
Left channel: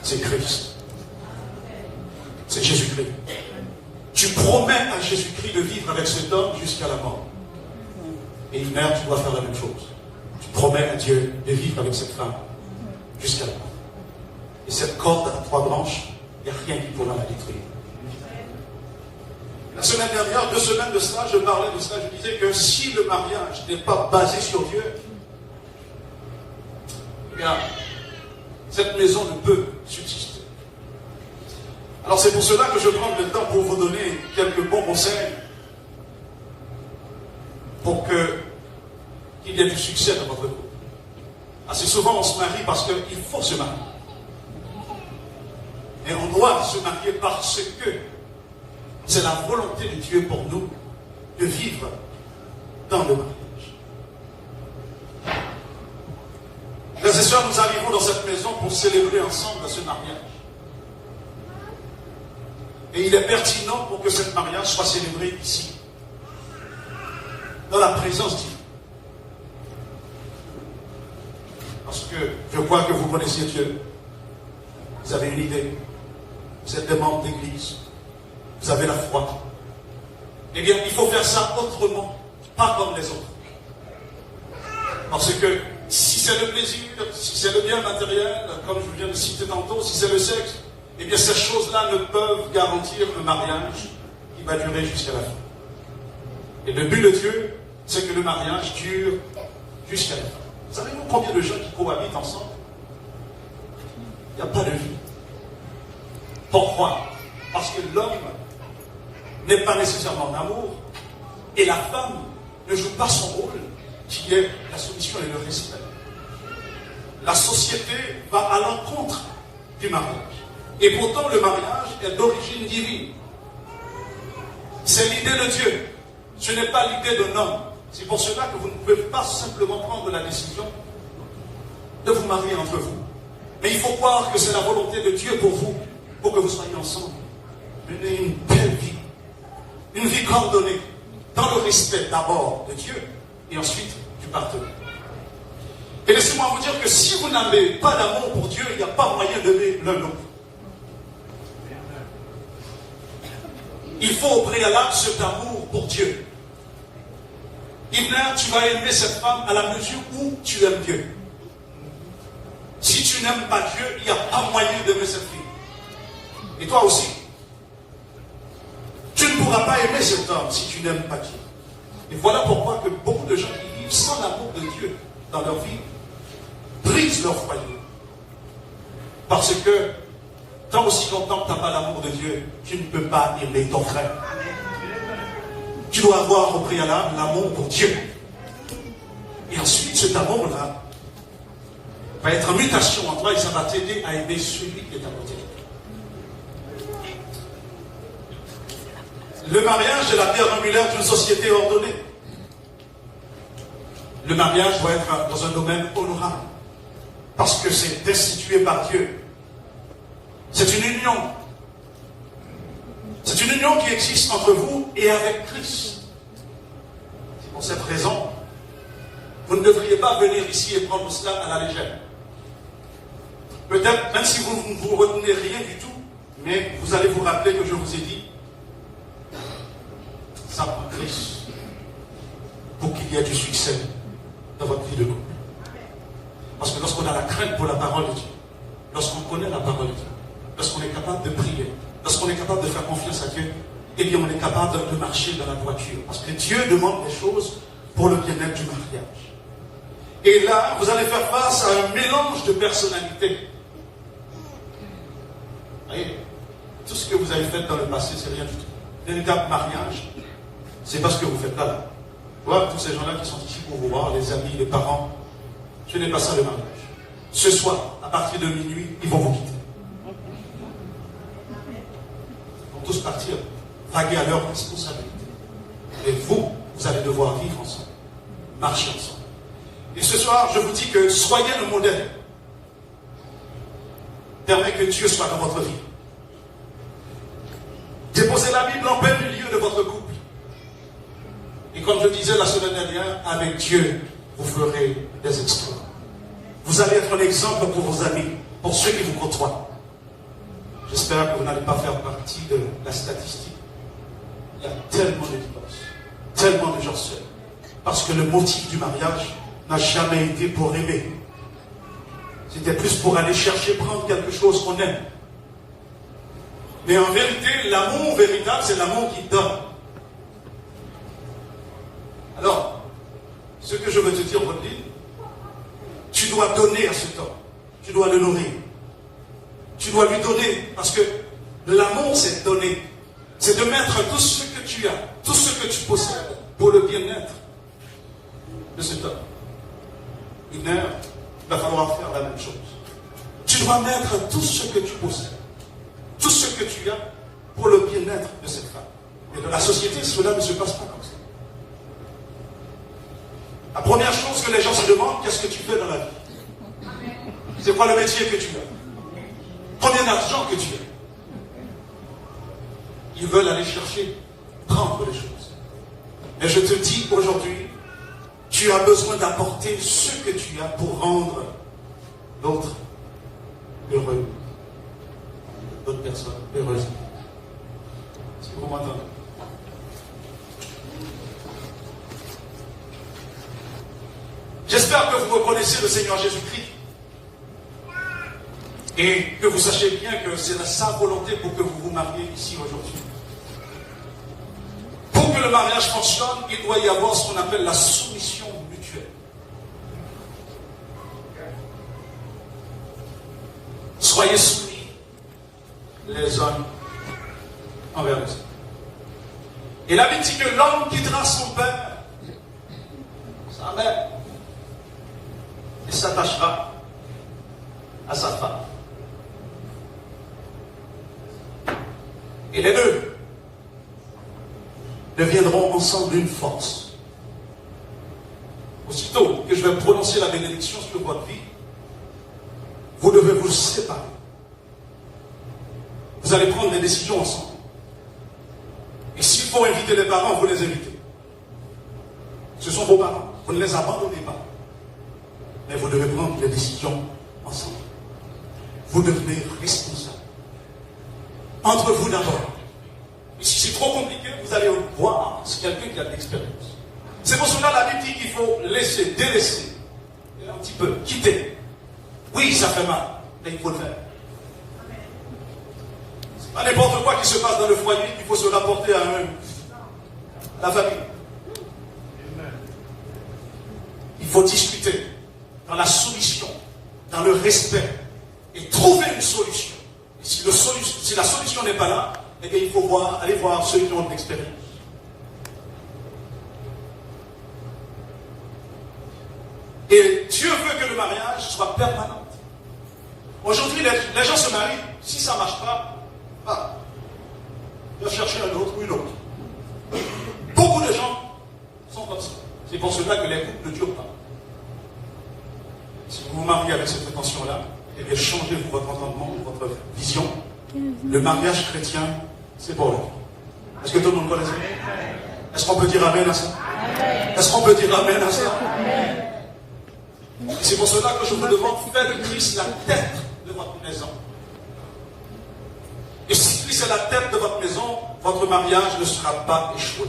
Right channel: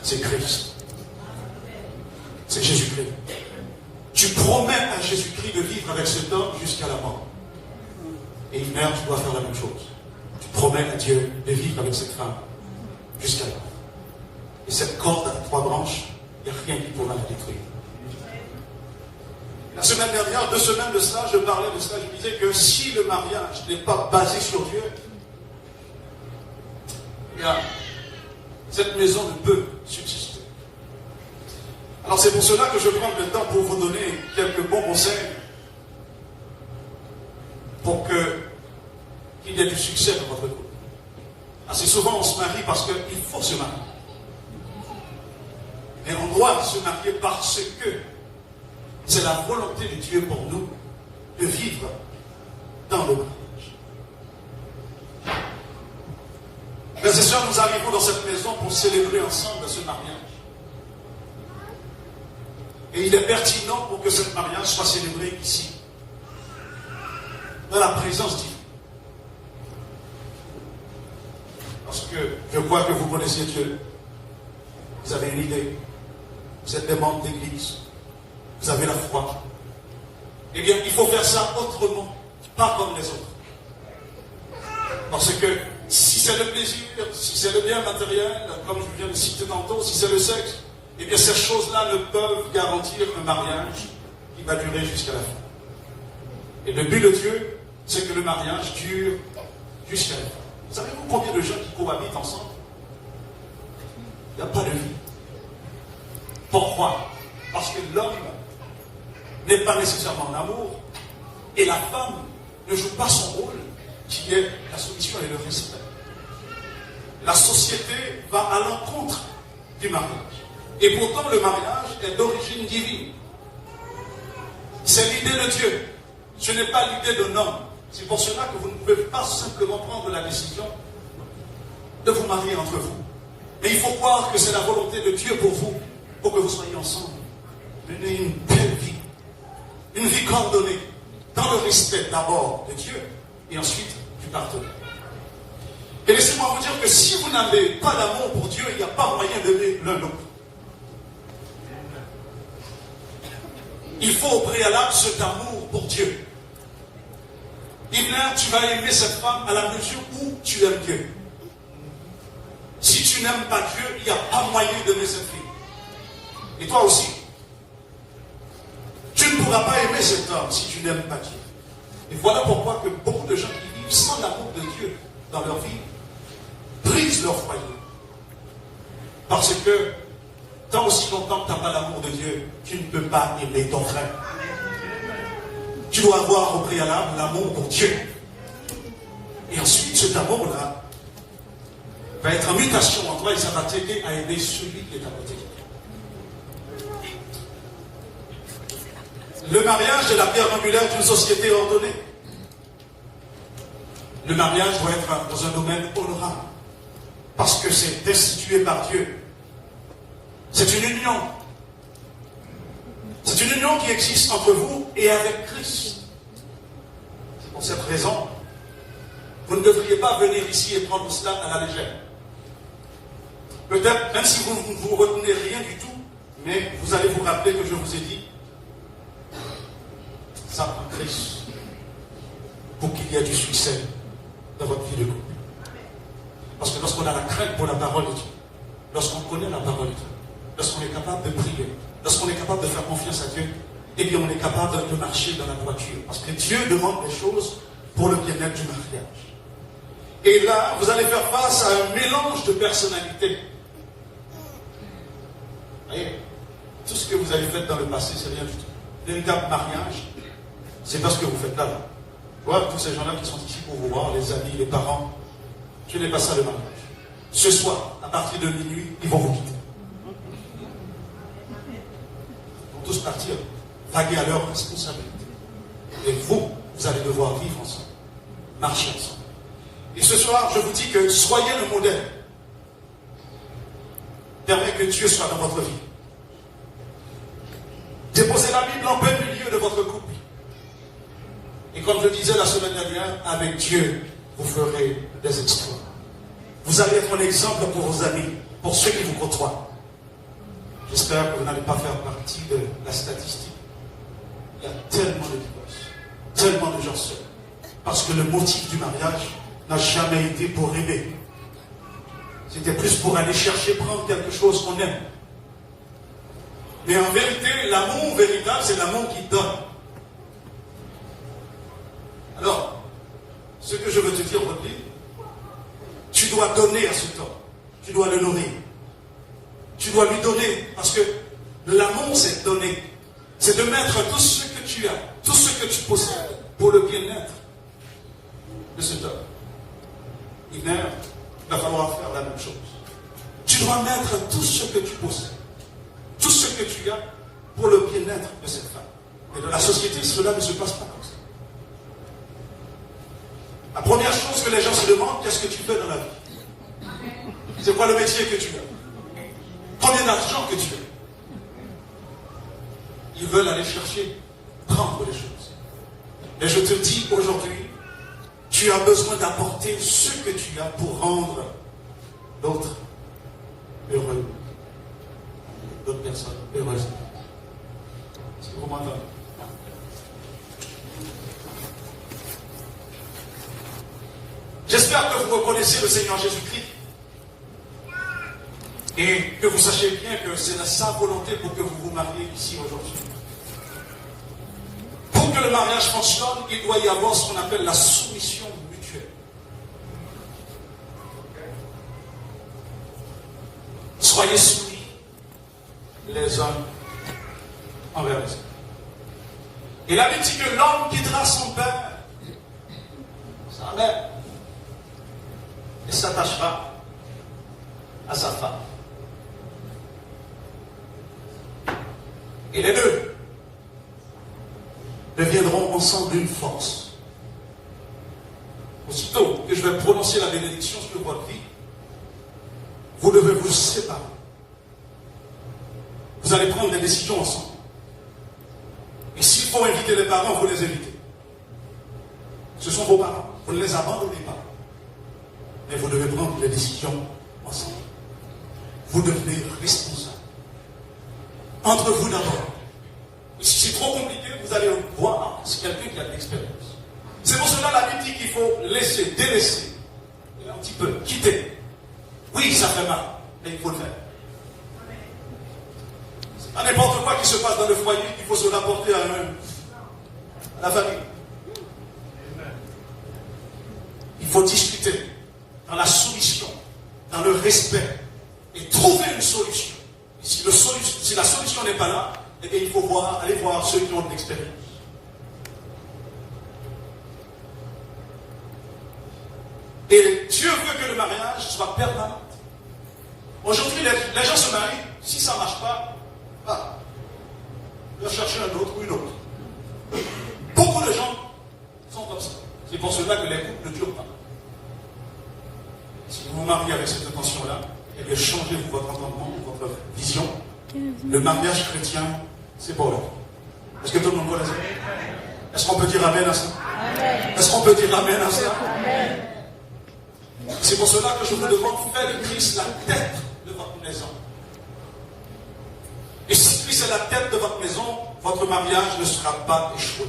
C'est Christ. C'est Jésus-Christ. Tu promets à Jésus-Christ de vivre avec cet homme jusqu'à la mort. Et une mère, tu dois faire la même chose. Tu promets à Dieu de vivre avec cette femme jusqu'à la mort. Et cette corde à 3 branches, il n'y a rien qui pourra la détruire. La semaine dernière, 2 semaines de cela, je parlais de cela, je disais que si le mariage n'est pas basé sur Dieu, eh bien, cette maison ne peut subsister. Alors c'est pour cela que je prends le temps pour vous donner quelques bons conseils pour qu'il y ait du succès dans votre couple. Assez souvent on se marie parce qu'il faut se marier. Et on doit se marier parce que c'est la volonté de Dieu pour nous de vivre dans le mariage. Frères et sœurs, nous arrivons dans cette maison pour célébrer ensemble ce mariage. Et il est pertinent pour que ce mariage soit célébré ici, dans la présence divine. Parce que je crois que vous connaissez Dieu. Vous avez une idée. Vous êtes des membres d'église. Vous avez la foi. Eh bien, il faut faire ça autrement, pas comme les autres. Parce que si c'est le plaisir, si c'est le bien matériel, comme je viens de citer tantôt, si c'est le sexe, eh bien ces choses-là ne peuvent garantir un mariage qui va durer jusqu'à la fin. Et le but de Dieu, c'est que le mariage dure jusqu'à la fin. Vous savez-vous combien de gens qui cohabitent ensemble? Il n'y a pas de vie. Pourquoi? Parce que l'homme n'est pas nécessairement en amour et la femme ne joue pas son rôle qui est la soumission et le respect. La société va à l'encontre du mariage. Et pourtant le mariage est d'origine divine. C'est l'idée de Dieu. Ce n'est pas l'idée d'un homme. C'est pour cela que vous ne pouvez pas simplement prendre la décision de vous marier entre vous. Mais il faut croire que c'est la volonté de Dieu pour vous, pour que vous soyez ensemble. Une belle vie. Une vie coordonnée, dans le respect d'abord de Dieu et ensuite du partenaire. Et laissez-moi vous dire que si vous n'avez pas d'amour pour Dieu, il n'y a pas moyen d'aimer l'un l'autre. Il faut au préalable cet amour pour Dieu. Ibn, tu vas aimer cette femme à la mesure où tu aimes Dieu. Si tu n'aimes pas Dieu, il n'y a pas moyen d'aimer cette fille. Et toi aussi. Tu ne pourras pas aimer cet homme si tu n'aimes pas Dieu. Et voilà pourquoi que beaucoup de gens qui vivent sans l'amour de Dieu dans leur vie brisent leur foyer. Parce que tant aussi longtemps que tu n'as pas l'amour de Dieu, tu ne peux pas aimer ton frère. Tu dois avoir au préalable l'amour pour Dieu. Et ensuite, cet amour-là va être en mutation en toi et ça va t'aider à aimer celui qui est à côté. Le mariage est la pierre angulaire d'une société ordonnée. Le mariage doit être dans un domaine honorable. Parce que c'est institué par Dieu. C'est une union. C'est une union qui existe entre vous et avec Christ. C'est pour cette raison, vous ne devriez pas venir ici et prendre cela à la légère. Peut-être, même si vous ne vous retenez rien du tout, mais vous allez vous rappeler que je vous ai dit, ça prend Christ pour qu'il y ait du succès dans votre vie de couple. Parce que lorsqu'on a la crainte pour la parole de Dieu, lorsqu'on connaît la parole de Dieu, lorsqu'on est capable de prier, lorsqu'on est capable de faire confiance à Dieu, eh bien on est capable de marcher dans la droiture. Parce que Dieu demande des choses pour le bien-être du mariage. Et là, vous allez faire face à un mélange de personnalités. Vous voyez, tout ce que vous avez fait dans le passé, c'est rien du tout. Le véritable mariage, c'est pas ce que vous faites là. Voilà, tous ces gens-là qui sont ici pour vous voir, les amis, les parents, ce n'est pas ça le mariage. Ce soir, à partir de minuit, ils vont vous quitter. Ils vont tous partir, vaguer à leur responsabilité. Et vous, vous allez devoir vivre ensemble, marcher ensemble. Et ce soir, je vous dis que soyez le modèle. Permettez que Dieu soit dans votre vie. Déposez la Bible en plein milieu de votre couple. Et comme je disais la semaine dernière, avec Dieu, vous ferez des exploits. Vous allez être un exemple pour vos amis, pour ceux qui vous côtoient. J'espère que vous n'allez pas faire partie de la statistique. Il y a tellement de divorces, tellement de gens seuls. Parce que le motif du mariage n'a jamais été pour aimer. C'était plus pour aller chercher, prendre quelque chose qu'on aime. Mais en vérité, l'amour véritable, c'est l'amour qui donne. Alors, ce que je veux te dire, Rodney, tu dois donner à cet homme. Tu dois le nourrir. Tu dois lui donner. Parce que l'amour, c'est donner. C'est de mettre tout ce que tu as, tout ce que tu possèdes pour le bien-être de cet homme. Une mère, il va falloir faire la même chose. Tu dois mettre tout ce que tu possèdes, tout ce que tu as pour le bien-être de cette femme. Et dans la société, cela ne se passe pas comme ça. La première chose que les gens se demandent, qu'est-ce que tu fais dans la vie? C'est quoi le métier que tu as? Combien d'argent que tu as? Ils veulent aller chercher, prendre les choses. Et je te dis aujourd'hui, tu as besoin d'apporter ce que tu as pour rendre l'autre heureux. D'autres personnes heureuses. Est-ce que vous m'entendez? J'espère que vous reconnaissez le Seigneur Jésus-Christ et que vous sachiez bien que c'est sa volonté pour que vous vous mariez ici aujourd'hui. Pour que le mariage fonctionne, il doit y avoir ce qu'on appelle la soumission mutuelle. Soyez soumis les uns envers les autres. Et la Bible dit que l'homme quittera son père, sa mère, et s'attachera à sa femme. Et les deux deviendront ensemble une force. Aussitôt que je vais prononcer la bénédiction sur votre vie, vous devez vous séparer. Vous allez prendre des décisions ensemble. Et s'il faut inviter les parents, vous les invitez. Ce sont vos parents. Vous ne les abandonnez pas. Mais vous devez prendre des décisions ensemble. Vous devenez responsable. Entre vous d'abord. Et si c'est trop compliqué, vous allez voir c'est quelqu'un qui a de l'expérience. C'est pour cela la Bible dit qu'il faut laisser, délaisser, et un petit peu, quitter. Oui, ça fait mal, mais il faut le faire. C'est pas n'importe quoi qui se passe dans le foyer qu'il faut se rapporter à la famille. Il faut discuter dans la soumission, dans le respect, et trouver une solution. Et si la solution n'est pas là, eh bien, il faut aller voir ceux qui ont de l'expérience. Et Dieu veut que le mariage soit permanent. Aujourd'hui, les gens se marient, si ça ne marche pas, ils vont chercher un autre ou une autre. Beaucoup de gens sont comme ça. C'est pour cela que les couples ne durent pas. Si vous vous mariez avec cette intention-là, et bien changez votre entendement, votre vision, le mariage chrétien, c'est pour vous. Est-ce que tout le monde connaît ça? Est-ce qu'on peut dire amen à ça? Est-ce qu'on peut dire amen à ça? C'est pour cela que je vous demande, faites de Christ la tête de votre maison. Et si Christ est la tête de votre maison, votre mariage ne sera pas échoué.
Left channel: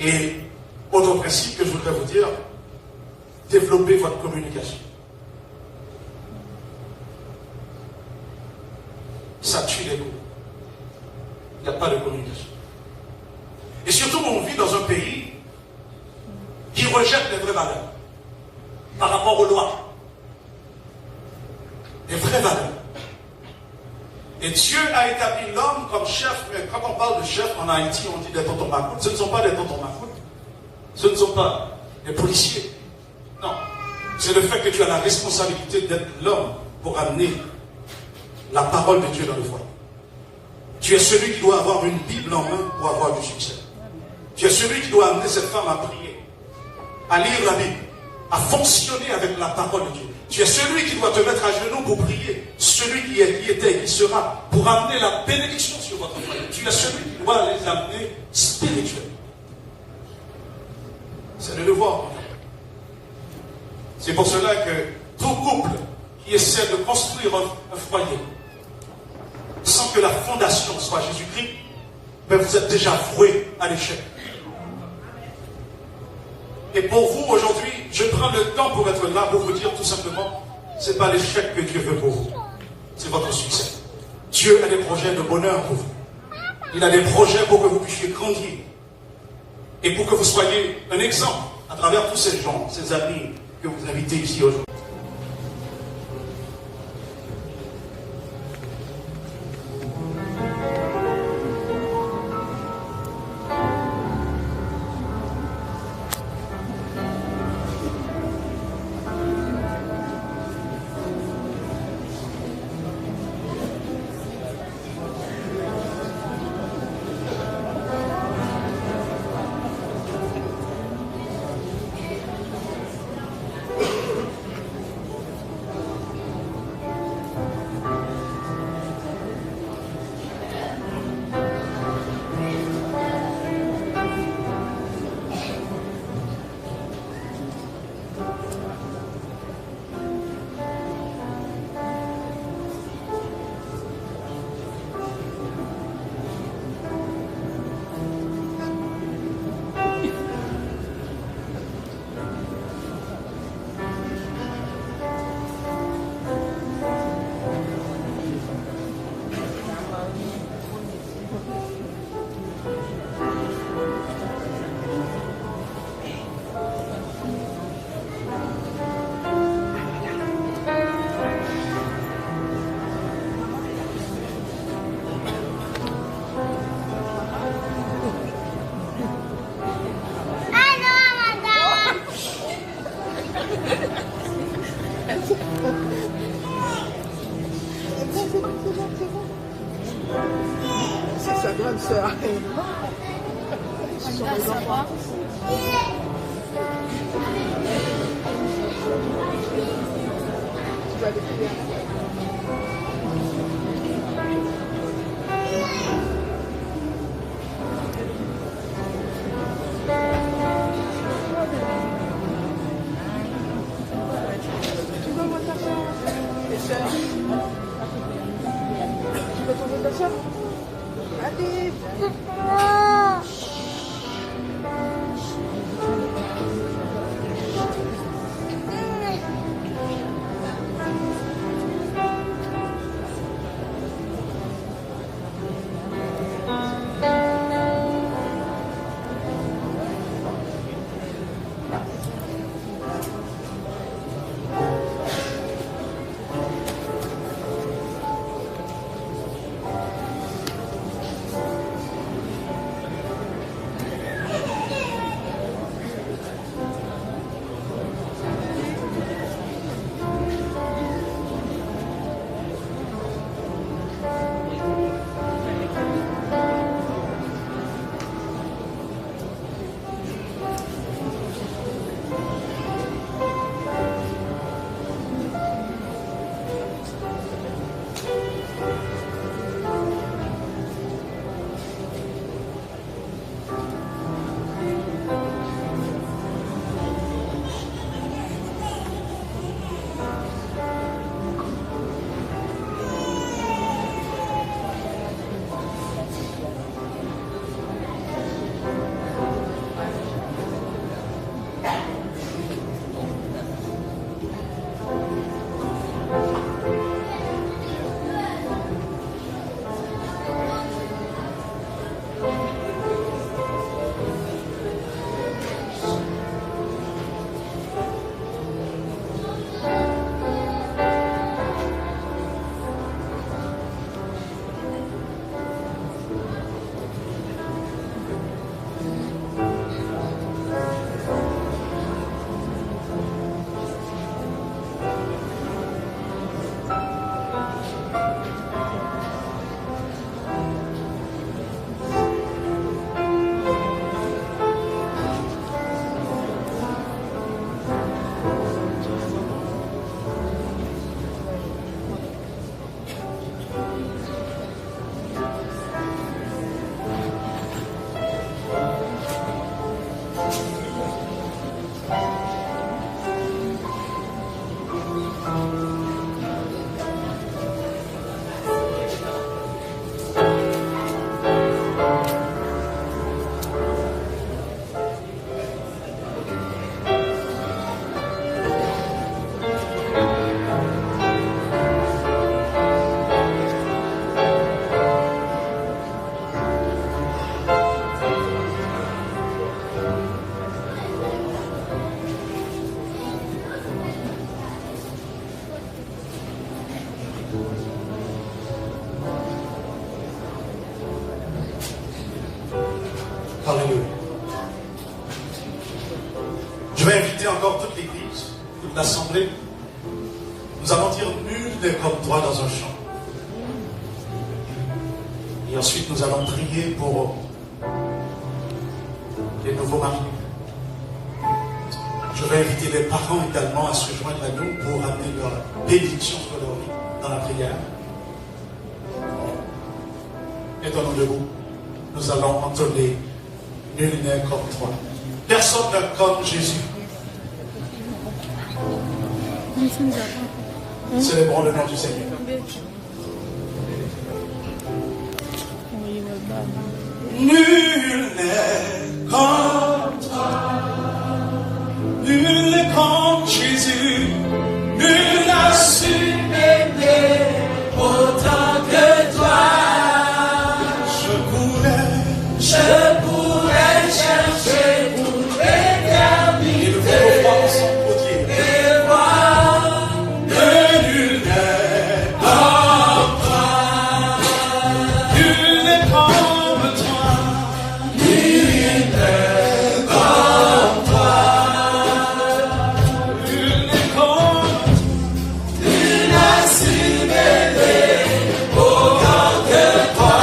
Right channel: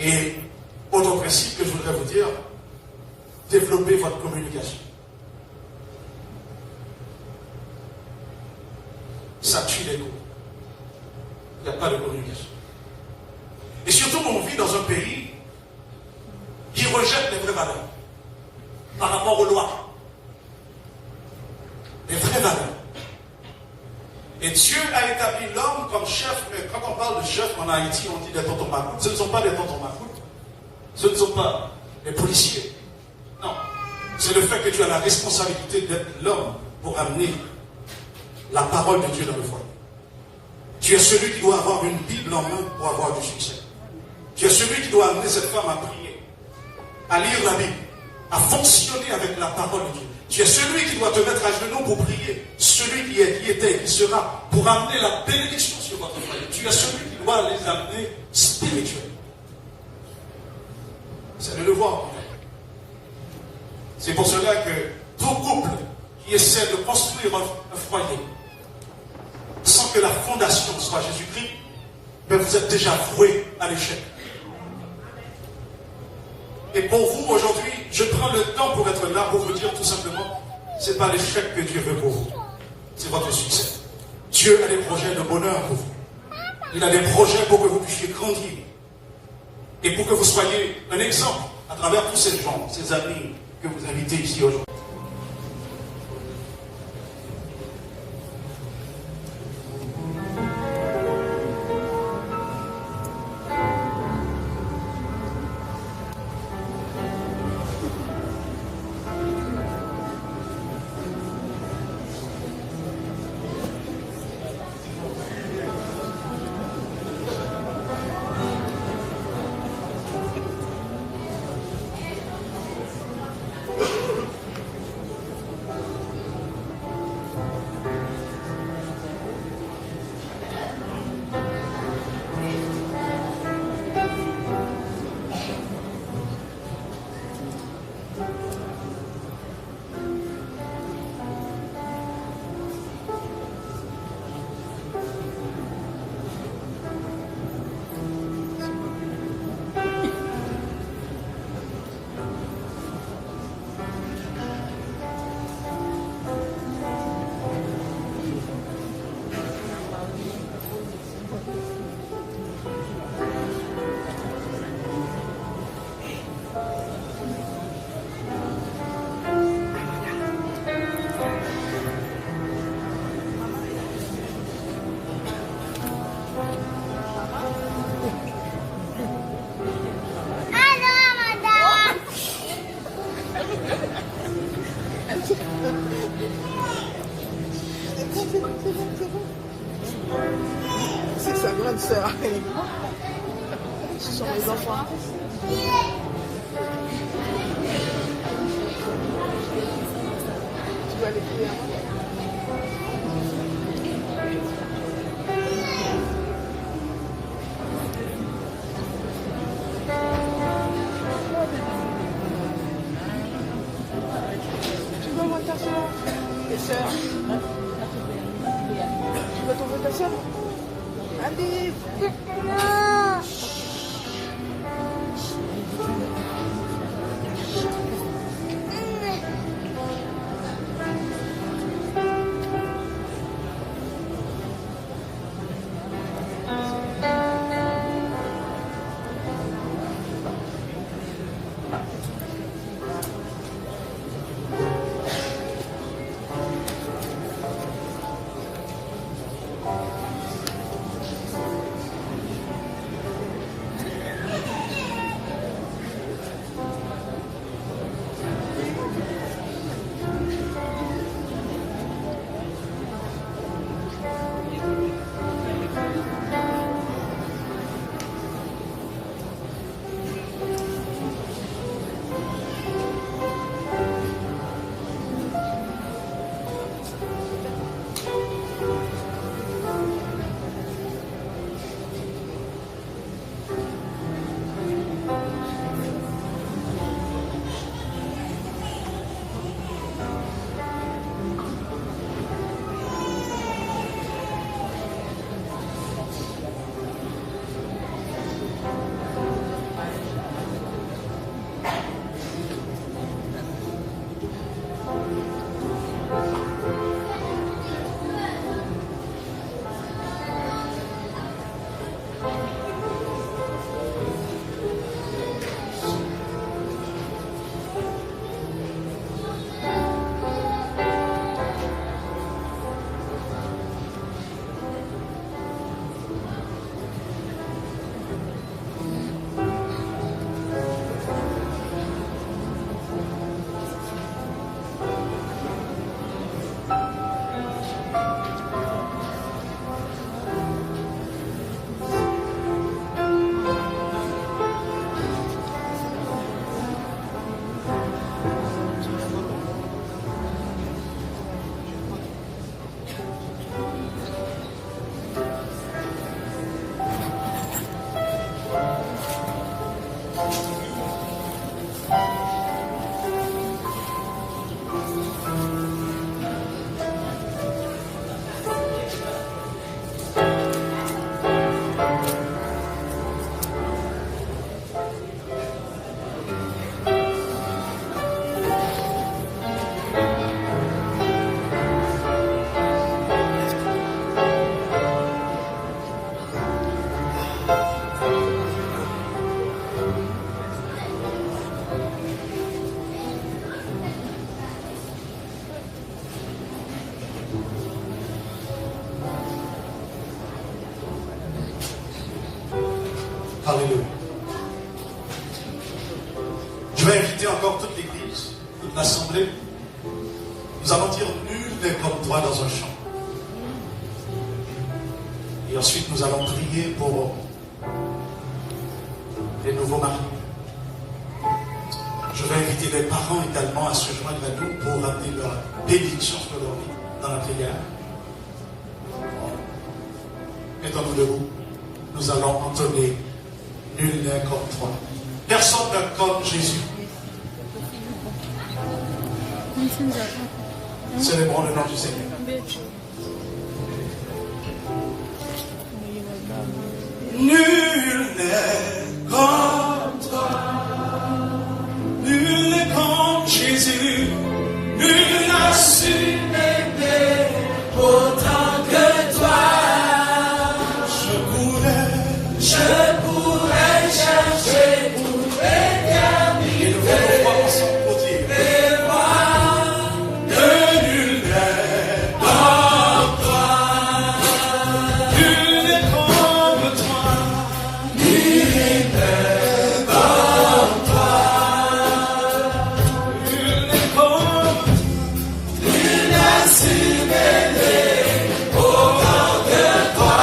Et autre principe que je voudrais vous dire, développez votre communication. Ça tue les coups. Il n'y a pas de communication. Et surtout, on vit dans un pays qui rejette les vraies valeurs par rapport aux lois. Les vraies valeurs. Et Dieu a établi l'homme comme chef. Mais quand on parle de chef en Haïti, on dit des tontons macoutes. Ce ne sont pas des tontons macoutes. Ce ne sont pas des policiers. Non. C'est le fait que tu as la responsabilité d'être l'homme pour amener la parole de Dieu dans le foyer. Tu es celui qui doit avoir une Bible en main pour avoir du succès. Tu es celui qui doit amener cette femme à prier, à lire la Bible, à fonctionner avec la parole de Dieu. Tu es celui qui doit te mettre à genoux pour prier. Celui qui était et qui sera pour amener la bénédiction sur votre foyer. Tu es celui qui doit les amener spirituels. C'est le devoir. C'est pour cela que tout couple qui essaie de construire un foyer sans que la fondation soit Jésus-Christ, ben vous êtes déjà voué à l'échec. Et pour vous, aujourd'hui, je prends le temps pour être là, pour vous dire tout simplement, ce n'est pas l'échec que Dieu veut pour vous, c'est votre succès. Dieu a des projets de bonheur pour vous. Il a des projets pour que vous puissiez grandir. Et pour que vous soyez un exemple à travers tous ces gens, ces amis que vous invitez ici aujourd'hui. C'est sa grande sœur. Alléluia. Je vais inviter encore toute l'église, toute l'assemblée. Nous allons dire nul n'est comme toi dans un chant. Et ensuite nous allons prier pour les nouveaux mariés. Je vais inviter les parents également à se joindre à nous pour amener leur bénédiction sur leur vie dans la prière. Mettons-nous debout. Nous allons entonner nul n'est comme toi. Personne n'est comme Jésus. Célébrons le nom du Seigneur. Nul n'est comme toi. Nul n'est comme Jésus. Nul n'a su m'aimer autant que toi. Je pourrais chercher toute l'éternité. Et voir que nul n'est comme toi. Nul n'est comme toi. Nul n'est comme toi. Nul n'est comme. Nul n'a su m'aimer autant que toi.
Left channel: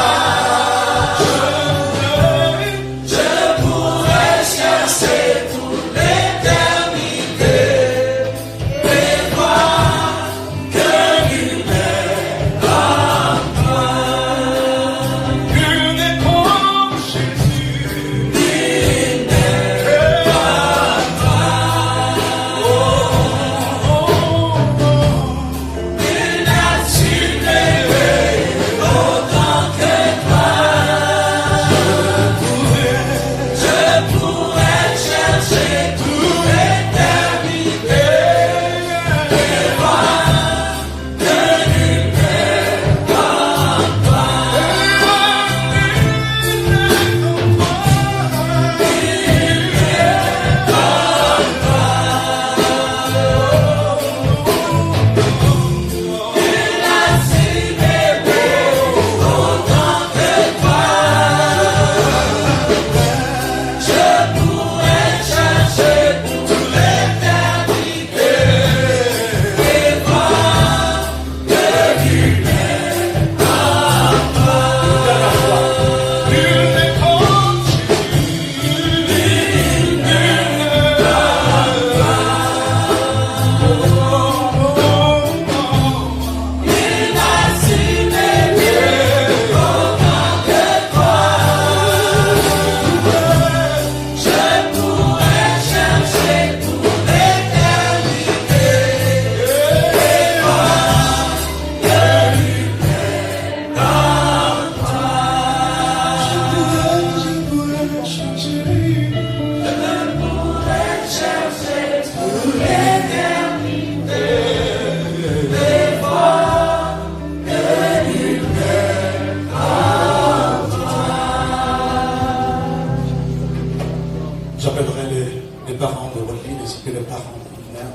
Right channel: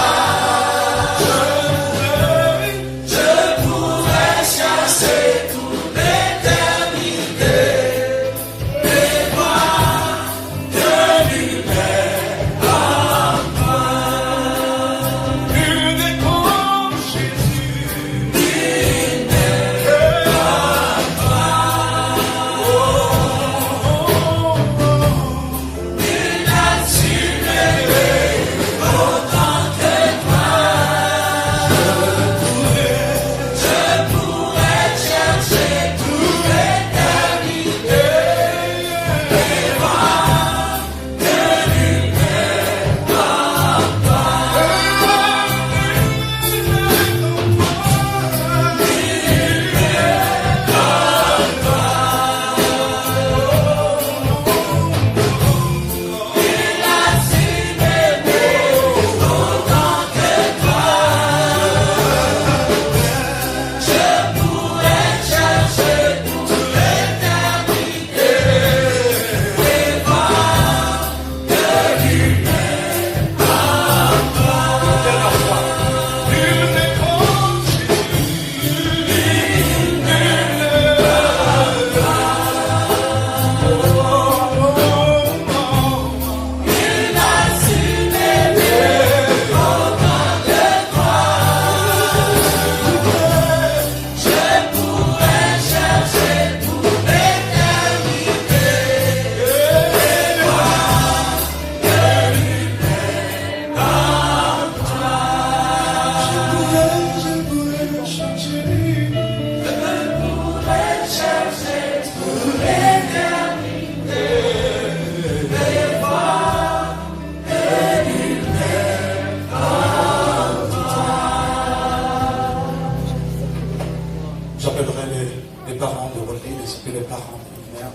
J'appellerai les parents de Rodney, ainsi que les parents de Mère,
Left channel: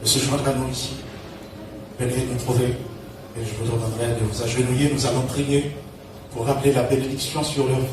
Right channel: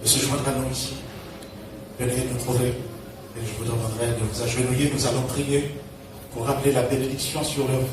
de se joindre à nous ici. Venez nous trouver et je vous demanderai de vous agenouiller. Nous allons prier pour rappeler la bénédiction sur leur vie.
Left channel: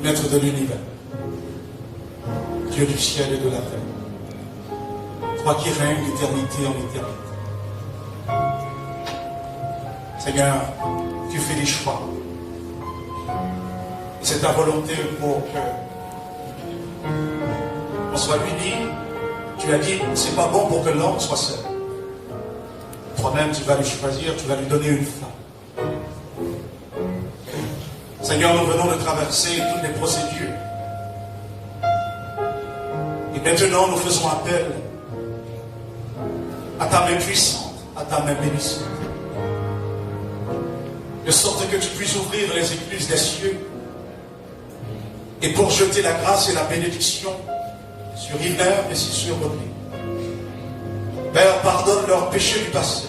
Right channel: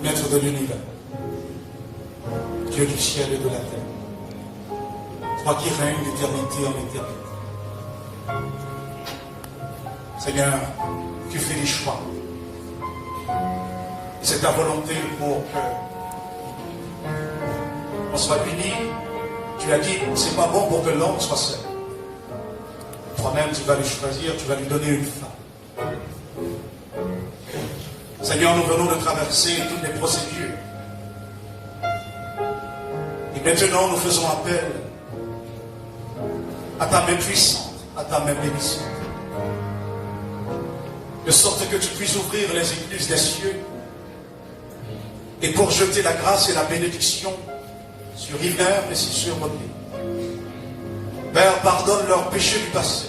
Maître de l'univers, Dieu du ciel et de la terre, toi qui règnes d'éternité en éternité. Seigneur, tu fais des choix. C'est ta volonté pour que soit unis. Tu as dit, c'est pas bon pour que l'homme soit seul. Toi-même, tu vas lui choisir, tu vas lui donner une femme. Seigneur, nous venons de traverser toutes les procédures. Et maintenant, nous faisons appel à ta main puissante, à ta main bénissante. De sorte que tu puisses ouvrir les écluses des cieux et pour jeter la grâce et la bénédiction sur Yvner et sur Rodrigue. Père, pardonne leurs péchés du passé,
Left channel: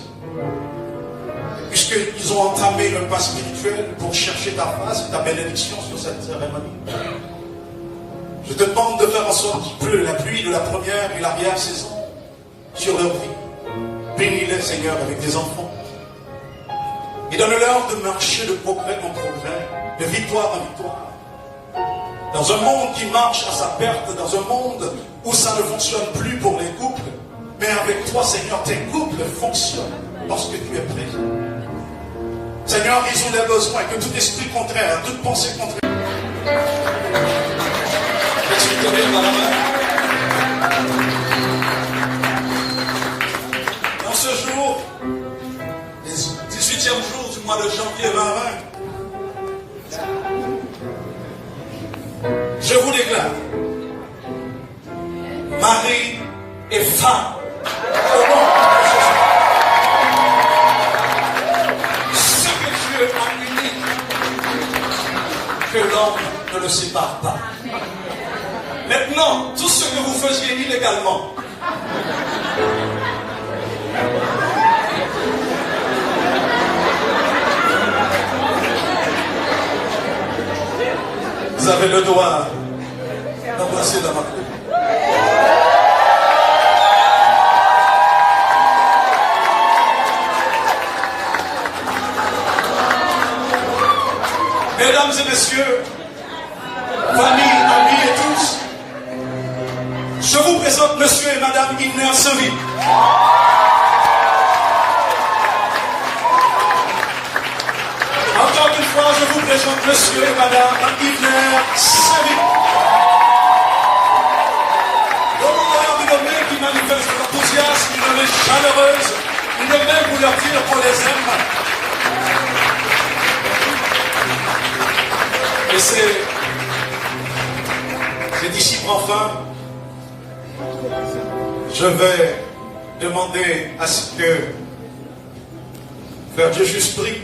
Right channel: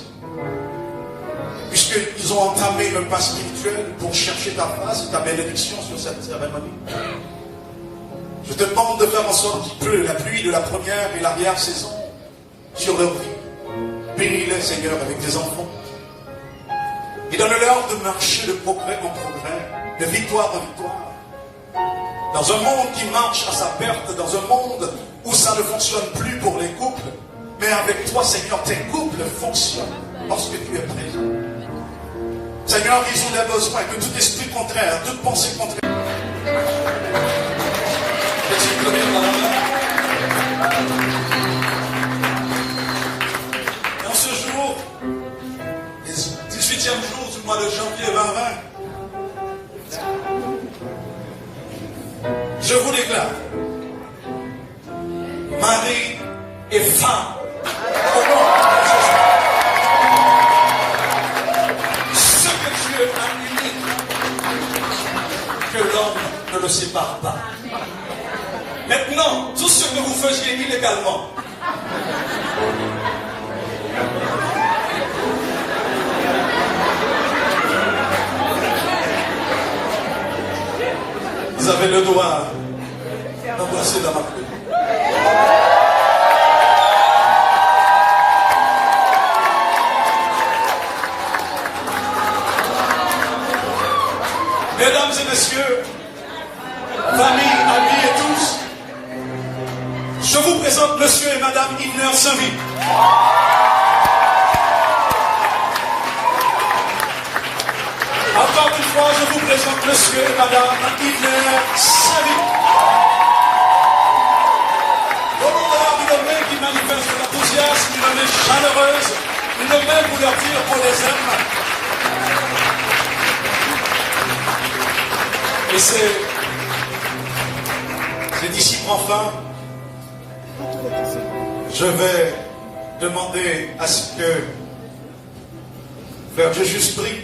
puisqu'ils ont entamé le pas spirituel pour chercher ta face et ta bénédiction sur cette cérémonie. Je te demande de faire en sorte qu'il pleut la pluie de la première et l'arrière-saison sur leur vie. Bénis-les, Seigneur, avec des enfants. Et donne-leur de marcher de progrès en progrès, de victoire en victoire. Dans un monde qui marche à sa perte, dans un monde où ça ne fonctionne plus pour les couples, mais avec toi, Seigneur, tes couples fonctionnent lorsque tu es présent. Seigneur, ils ont des besoins, que tout esprit contraire, toute pensée contraire. Laisse-moi te lire dans la main. Dans ce jour, le 18e jour du mois de janvier 2020, je vous déclare, mari et femme, au nom de Jésus. Ce que Dieu a uni, que l'homme ne le sépare pas. Maintenant, tout ce que vous faisiez illégalement, vous avez le droit d'embrasser dans ma coupe. Mesdames et messieurs, famille, amis et tous, je vous présente monsieur et madame Yvner Saint-Louis. Encore une fois, je vous présente monsieur et madame Yvner Saint-Louis. L'honneur d'une main qui manifeste l'enthousiasme, une main chaleureuse, une main pour leur dire qu'on les aime. Et c'est d'ici enfin, je vais demander à ce que Frère Jésus prie,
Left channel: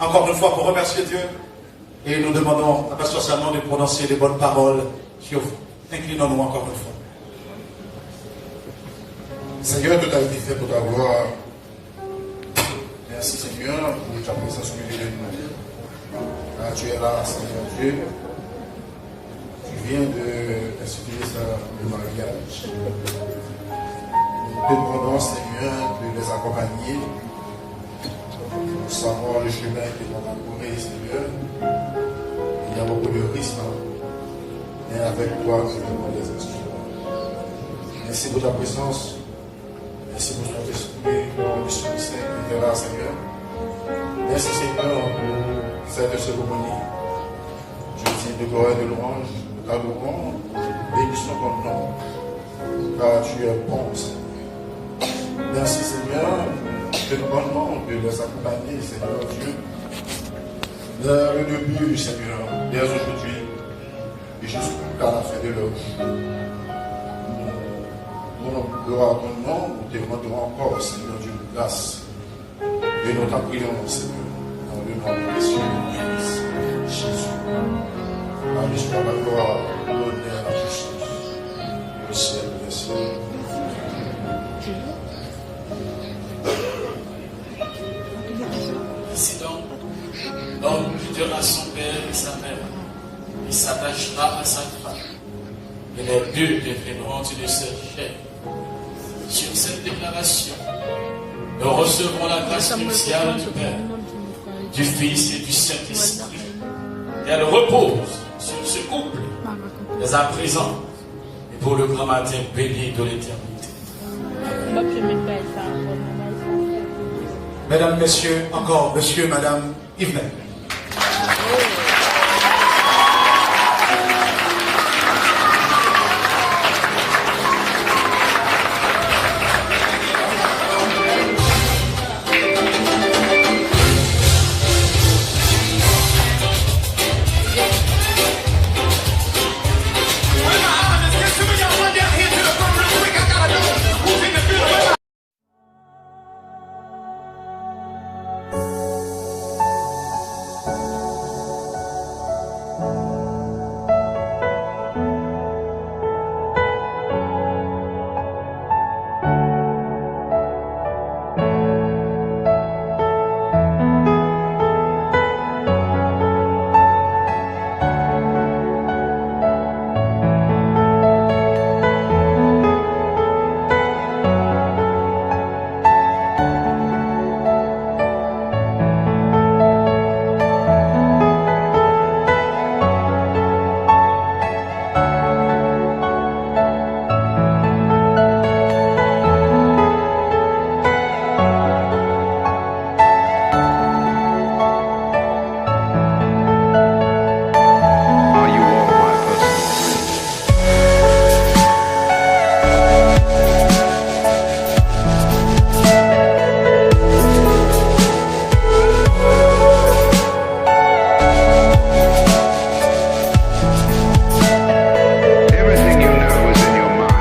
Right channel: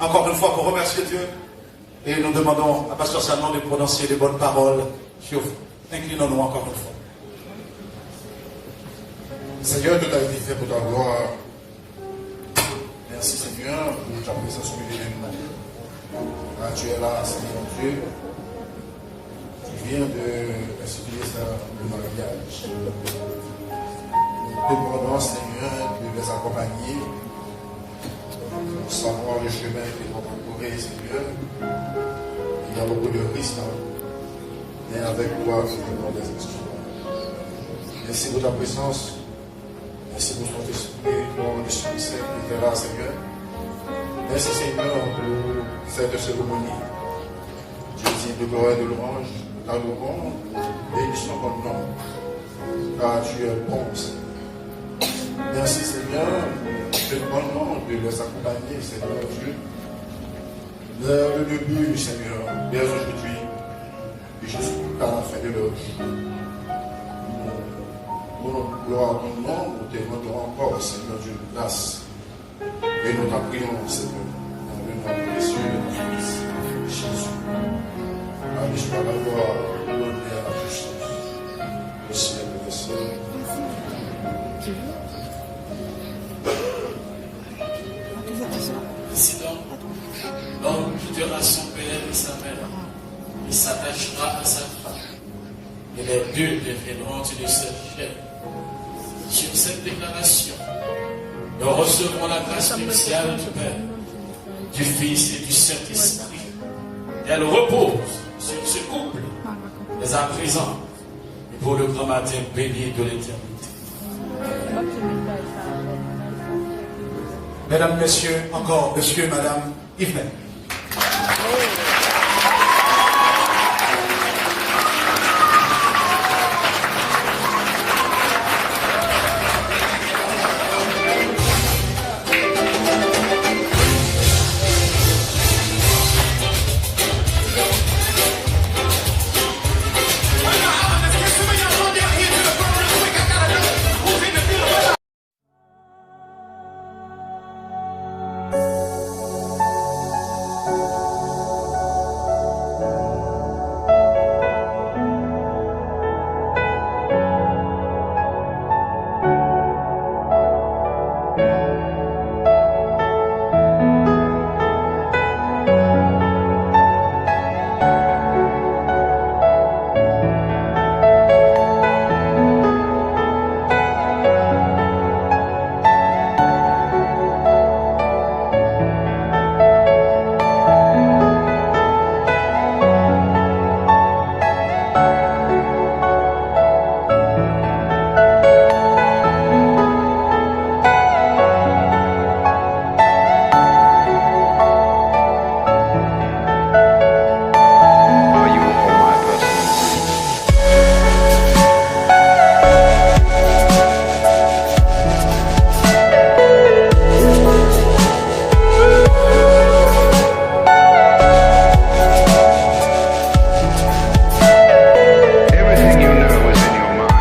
encore une fois pour remercier Dieu, et nous demandons à Pasteur Salmon de prononcer les bonnes paroles sur vous. Inclinons-nous encore une fois. Seigneur, tout a été fait pour t'avoir. Merci Seigneur pour ta présence lumineuse. Quand tu es là, Seigneur Dieu, tu viens de expliquer ça, le mariage. Nous te demandons, Seigneur, de les accompagner pour savoir le chemin qu'ils vont parcourir, Seigneur. Il y a beaucoup de risques, mais avec toi, tu nous les instruments. Merci pour ta présence. Merci pour ton esprit, pour l'Esprit Saint qui est là, Seigneur. Merci Seigneur pour cette cérémonie. Je dis de gloire et de louange, ta louange, bénissons ton nom, car tu es bon. Merci Seigneur, je te demande de les accompagner, Seigneur Dieu. Le début, Seigneur, dès aujourd'hui, et jusqu'à la fin de leur vie. Nous gloire à ton nom, nous te demandons encore, Seigneur Dieu, grâce. Et nous t'apprions, Seigneur, dans le nom de Jésus, Jésus. Allez, je la gloire, l'honneur à Jésus, le ciel des cieux. Ici donc, l'homme quittera son père et sa mère, il s'attachera à sa femme, et les deux deviendront une seule chair. Sur cette déclaration, nous recevrons la grâce spéciale du Père, du Fils et du Saint-Esprit. Elle repose sur ce couple, dès à présent, et pour le grand matin béni de l'éternité. Mesdames, Messieurs, encore Monsieur et Madame Yvner. personal dream. Everything you know is in your mind.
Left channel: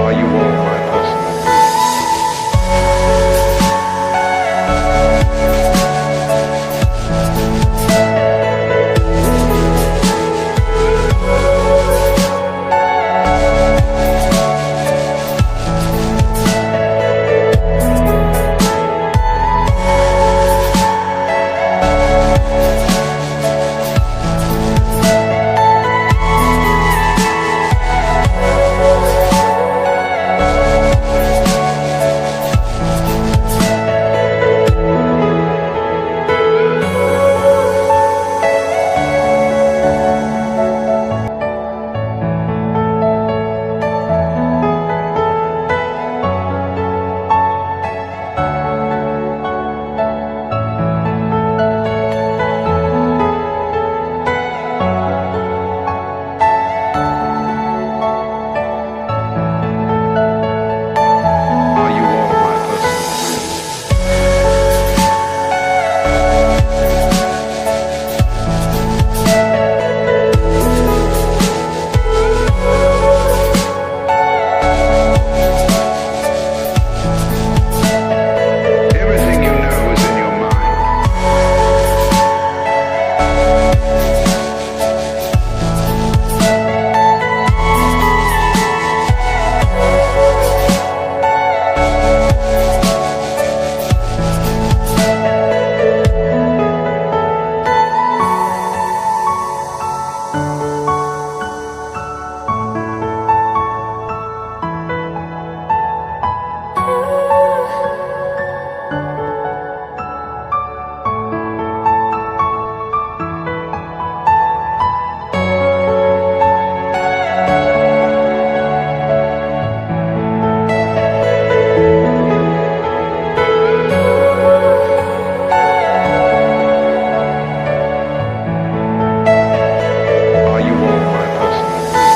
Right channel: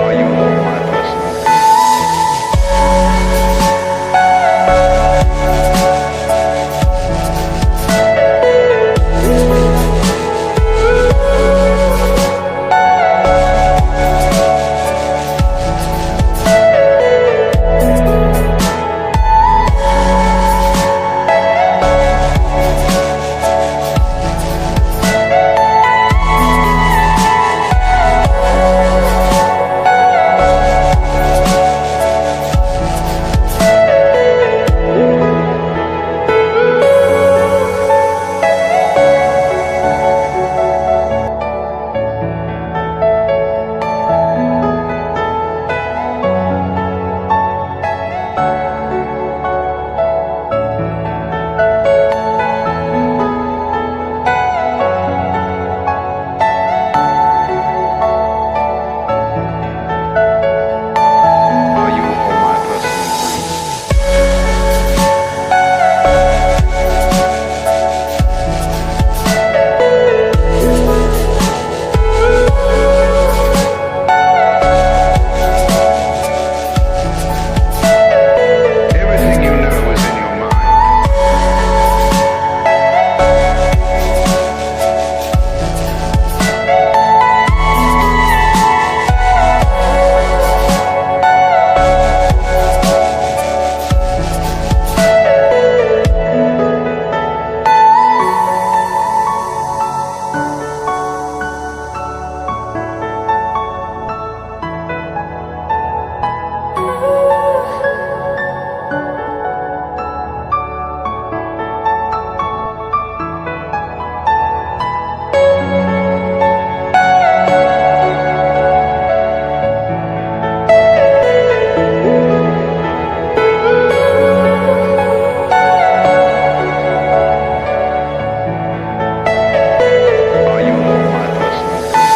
Are you all my personal dreams? Are you all my personal dreams? Everything you know is in your mind. Are you all my personal dreams?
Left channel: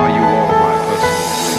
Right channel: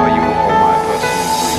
Are you all my personal dreams?